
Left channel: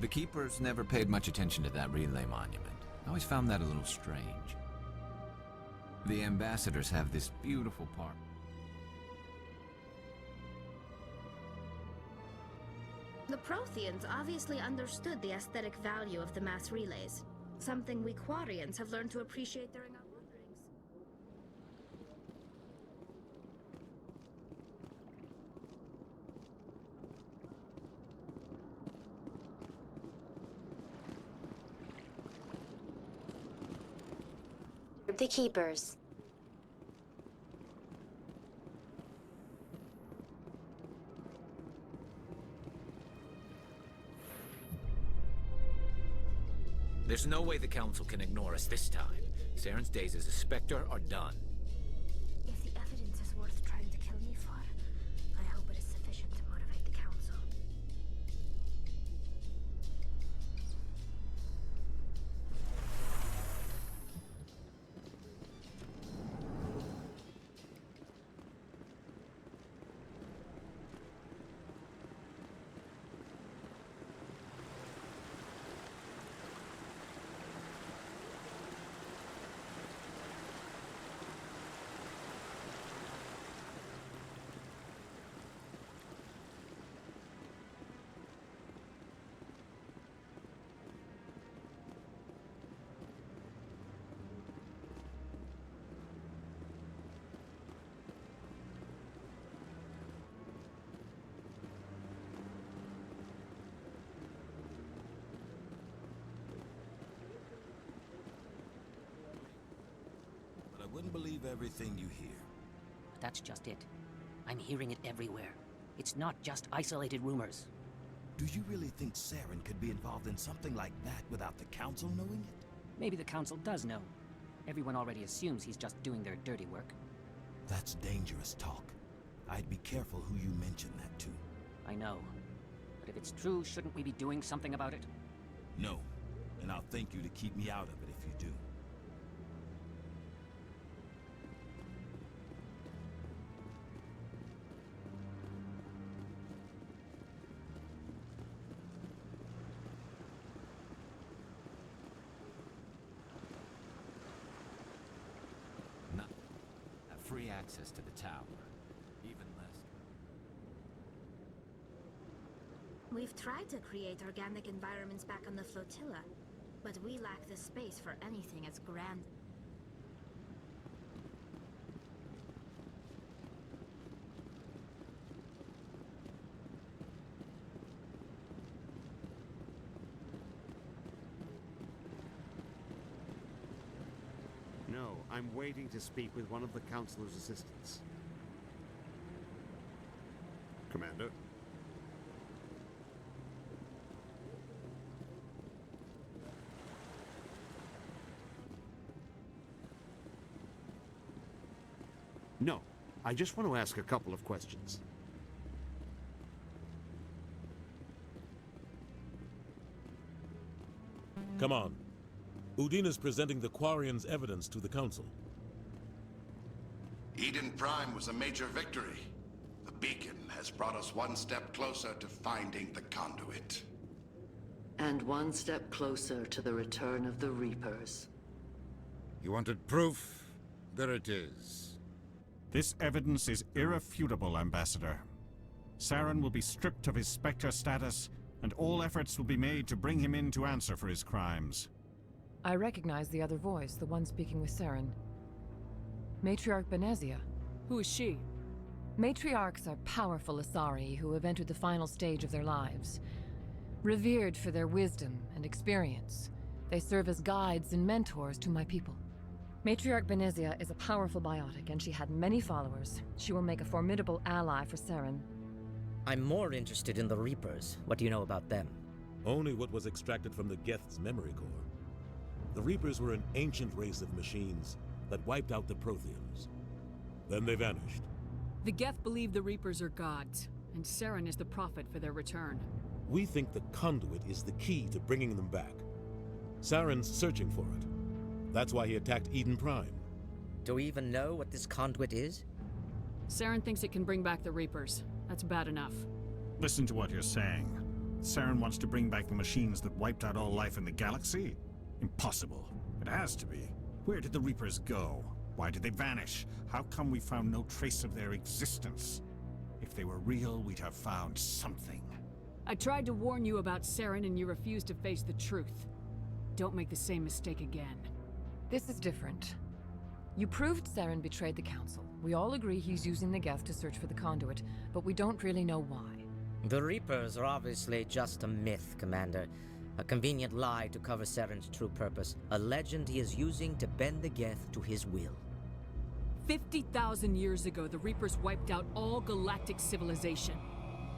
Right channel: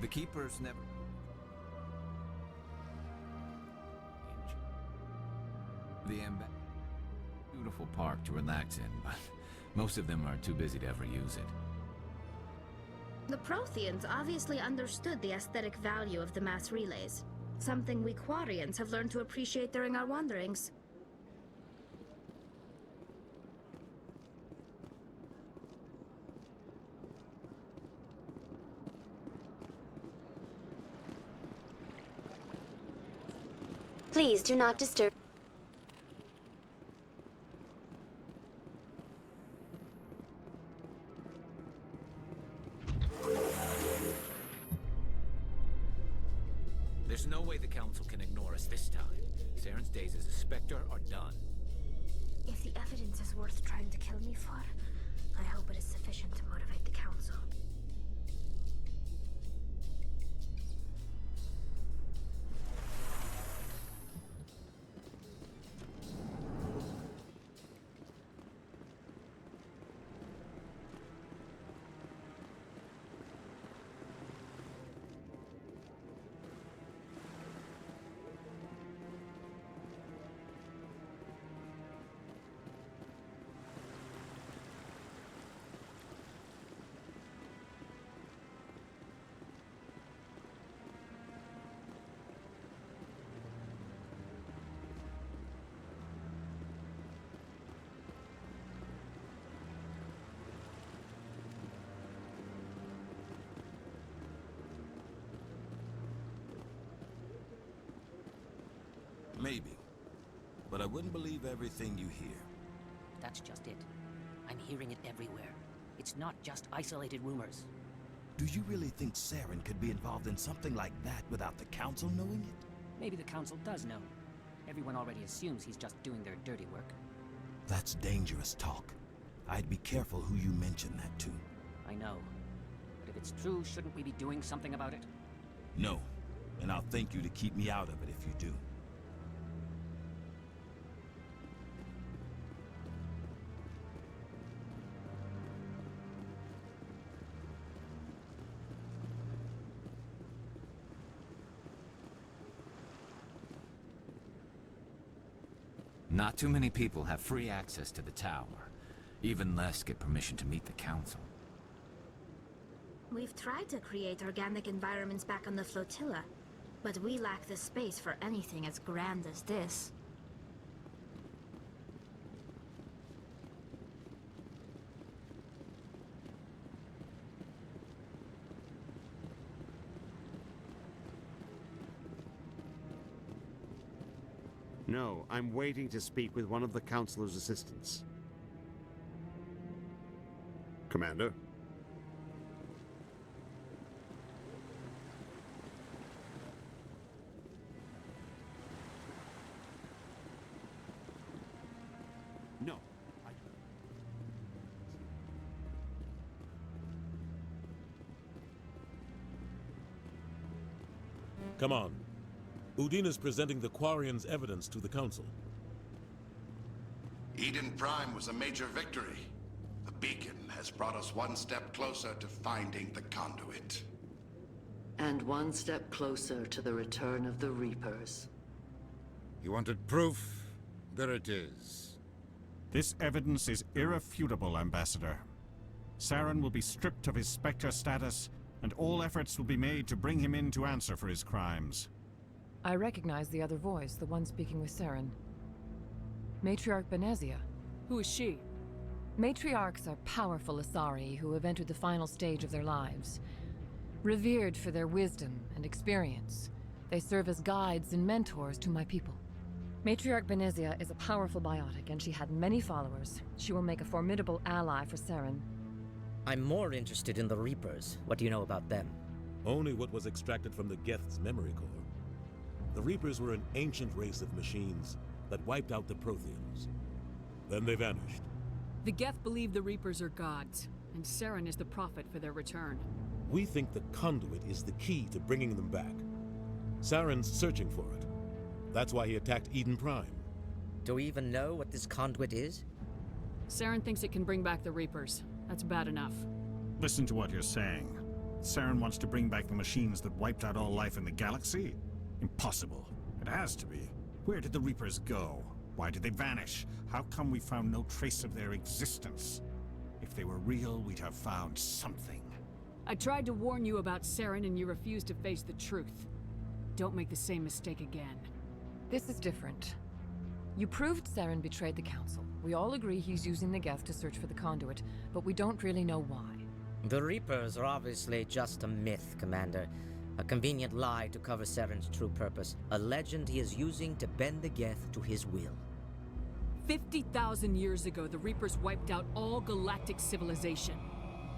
The Keepers never paid much attention to that relay monument. I always found that a little strange. The ambassadors have this beautiful park to relax in, but most of them are too busy to ever use it. The Protheans obviously understood the aesthetic value of the mass relays, something we Quarians have learned to appreciate during our wanderings. Please do not disturb the Keepers. There's no way the Council can ignore us this time. Saren's days as a Spectre are done. If the evidence is worth trying to kill me for, I hope it is sufficient to motivate the Council. Maybe. But I wouldn't believe everything you hear. That's just it. I'm hearing it everywhere. It's not just isolated rumors. Do you really think Saren could be involved in something like that without the Council knowing it? Maybe the Council does know. Everyone already assumes he's just doing their dirty work. That's dangerous talk. I'd be careful who you mention that to. I know. But if it's true, shouldn't we be doing something about it? No. And I'll thank you to keep me out of it if you do. Not too many people have free access to the tower. Even less get permission to meet the Council. We've tried to create organic environments back on the flotilla, but we lack the space for anything as grand as this. No, I'm waiting to speak with one of the Councilor's assistants. Commander? No, I just want to ask a couple of questions. Come on. Udina's presenting the Quarians' evidence to the Council. Eden Prime was a major victory. The beacon has brought us one step closer to finding the conduit. And one step closer to the return of the Reapers. You wanted proof? There it is. This evidence is irrefutable, Ambassador. Saren will be stripped of his Spectre status, and all efforts will be made to bring him in to answer for his crimes. I recognize the other voice, the one speaking with Saren. Matriarch Benezia. Who is she? Matriarchs are powerful Asari who have entered the final stage of their lives. Revered for their wisdom and experience, they serve as guides and mentors to my people. Matriarch Benezia is a powerful biotic, and she had many followers. She will make a formidable ally for Saren. I'm more interested in the Reapers. What do you know about them? Only what was extracted from the Geth's memory core. The Reapers were an ancient race of machines that wiped out the Protheans. Then they vanished. The Geth believe the Reapers are gods, and Saren is the prophet for their return. We think the conduit is the key to bringing them back. Saren's searching for it. That's why he attacked Eden Prime. Do we even know what this conduit is? Saren thinks it can bring back the Reapers. That's bad enough. Listen to what you're saying. Saren wants to bring back the machines that wiped out all life in the galaxy? Impossible. It has to be. Where did the Reapers go? Why did they vanish? How come we found no trace of their existence? If they were real, we'd have found something. I tried to warn you about Saren and you refused to face the truth. Don't make the same mistake again. This is different. You proved Saren betrayed the Council. We all agree he's using the Geth to search for the conduit, but we don't really know why. The Reapers are obviously just a myth, Commander. A convenient lie to cover Saren's true purpose. A legend he is using to bend the Geth to his will. 50,000 years ago, the Reapers wiped out all galactic civilization.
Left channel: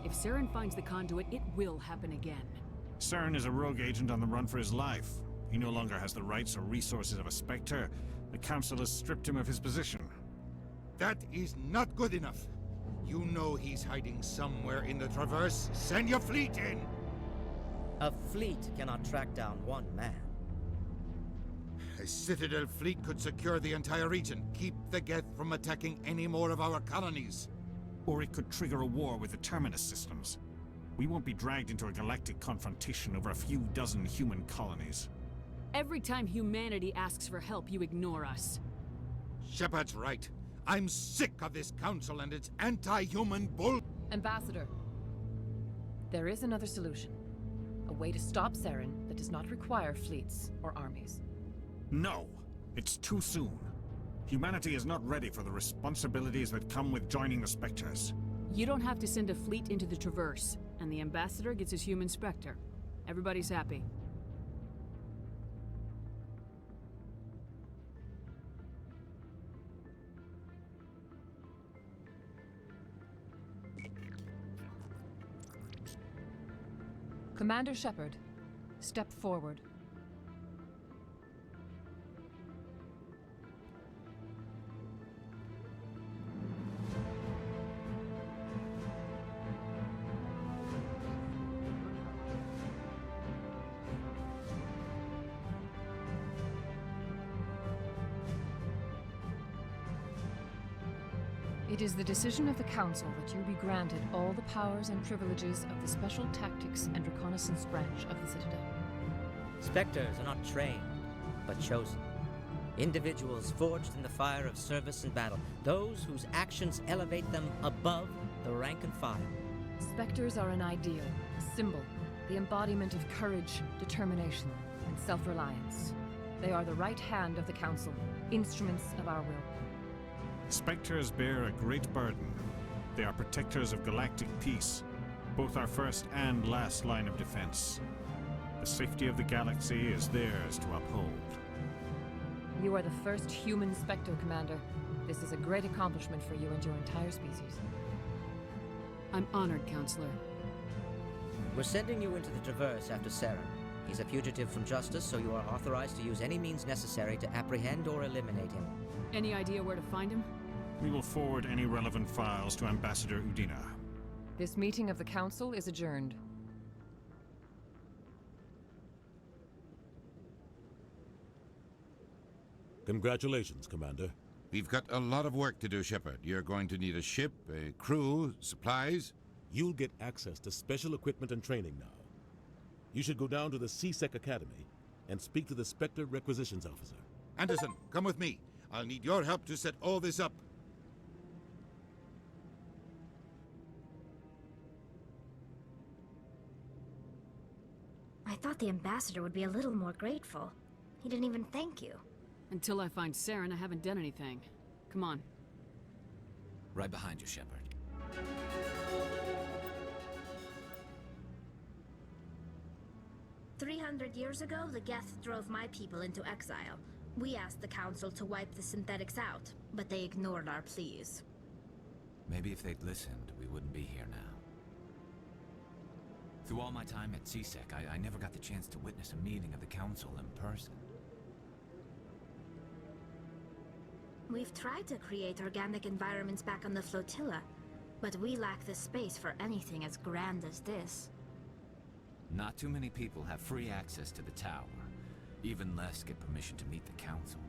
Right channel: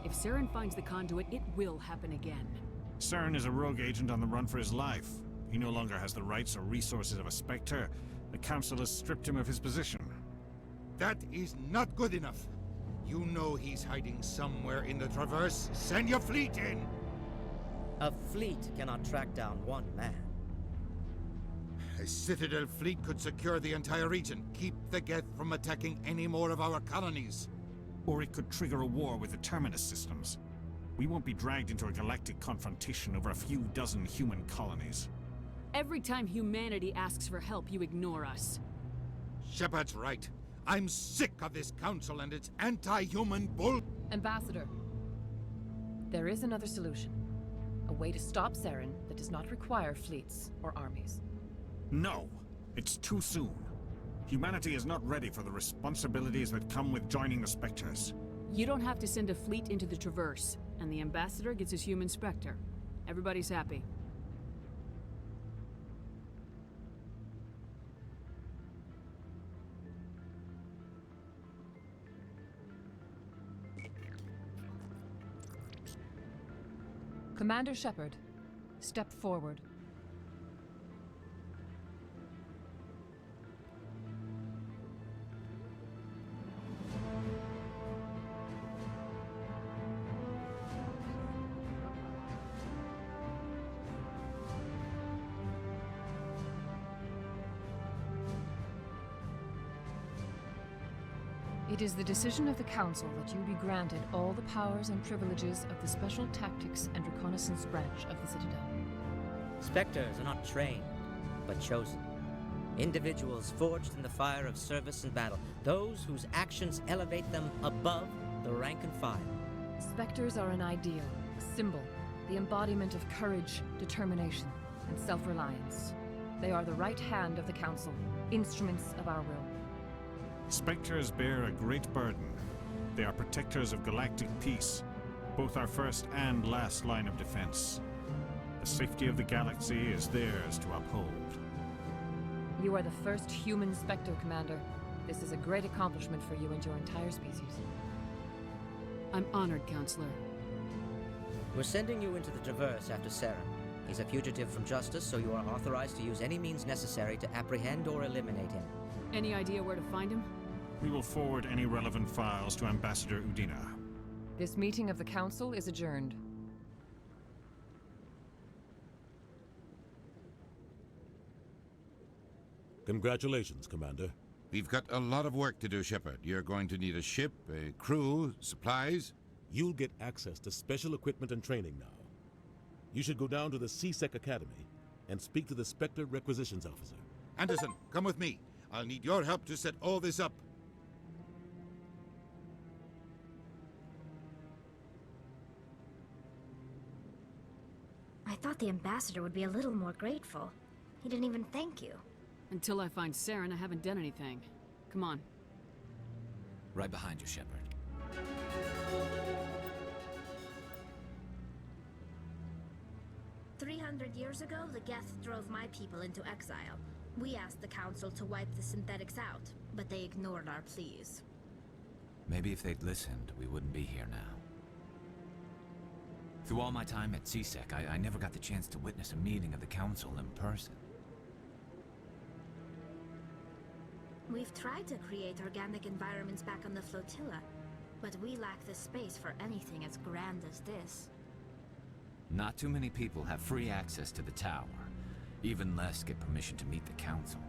If Saren finds the conduit, it will happen again. Saren is a rogue agent on the run for his life. He no longer has the rights or resources of a Spectre. The Council has stripped him of his position. That is not good enough. You know he's hiding somewhere in the Traverse. Send your fleet in! A fleet cannot track down one man. A Citadel fleet could secure the entire region, keep the Geth from attacking any more of our colonies. Or it could trigger a war with the Terminus systems. We won't be dragged into a galactic confrontation over a few dozen human colonies. Every time humanity asks for help, you ignore us. Shepard's right. I'm sick of this council and its anti-human bull— Ambassador, there is another solution. A way to stop Saren that does not require fleets or armies. No! It's too soon. Humanity is not ready for the responsibilities that come with joining the Spectres. You don't have to send a fleet into the Traverse, and the Ambassador gets his human Spectre. Everybody's happy. Commander Shepard, step forward. It is the decision of the Council that you be granted all the powers and privileges of the Special Tactics and Reconnaissance branch of the Citadel. Spectres are not trained, but chosen. Individuals forged in the fire of service and battle. Those whose actions elevate them above the rank and file. Spectres are an ideal, a symbol, the embodiment of courage, determination, and self-reliance. They are the right hand of the Council, instruments of our will. Spectres bear a great burden. They are protectors of galactic peace, both our first and last line of defense. The safety of the galaxy is theirs to uphold. You are the first human Spectre, Commander. This is a great accomplishment for you and your entire species. I'm honored, Counselor. We're sending you into the Traverse after Saren. He's a fugitive from justice, so you are authorized to use any means necessary to apprehend or eliminate him. Any idea where to find him? We will forward any relevant files to Ambassador Udina. This meeting of the Council is adjourned. Congratulations, Commander. We've got a lot of work to do, Shepard. You're going to need a ship, a crew, supplies. You'll get access to special equipment and training now. You should go down to the CSEC Academy and speak to the Spectre Requisitions Officer. Anderson, come with me. I'll need your help to set all this up. I thought the Ambassador would be a little more grateful. He didn't even thank you. Until I find Saren, I haven't done anything. Come on. Right behind you, Shepard. 300 years ago, the Geth drove my people into exile. We asked the Council to wipe the synthetics out, but they ignored our pleas. Maybe if they'd listened, we wouldn't be here now. Through all my time at CSEC, I never got the chance to witness a meeting of the Council in person. We've tried to create organic environments back on the flotilla, but we lack the space for anything as grand as this. Not too many people have free access to the tower. Even less get permission to meet the Council.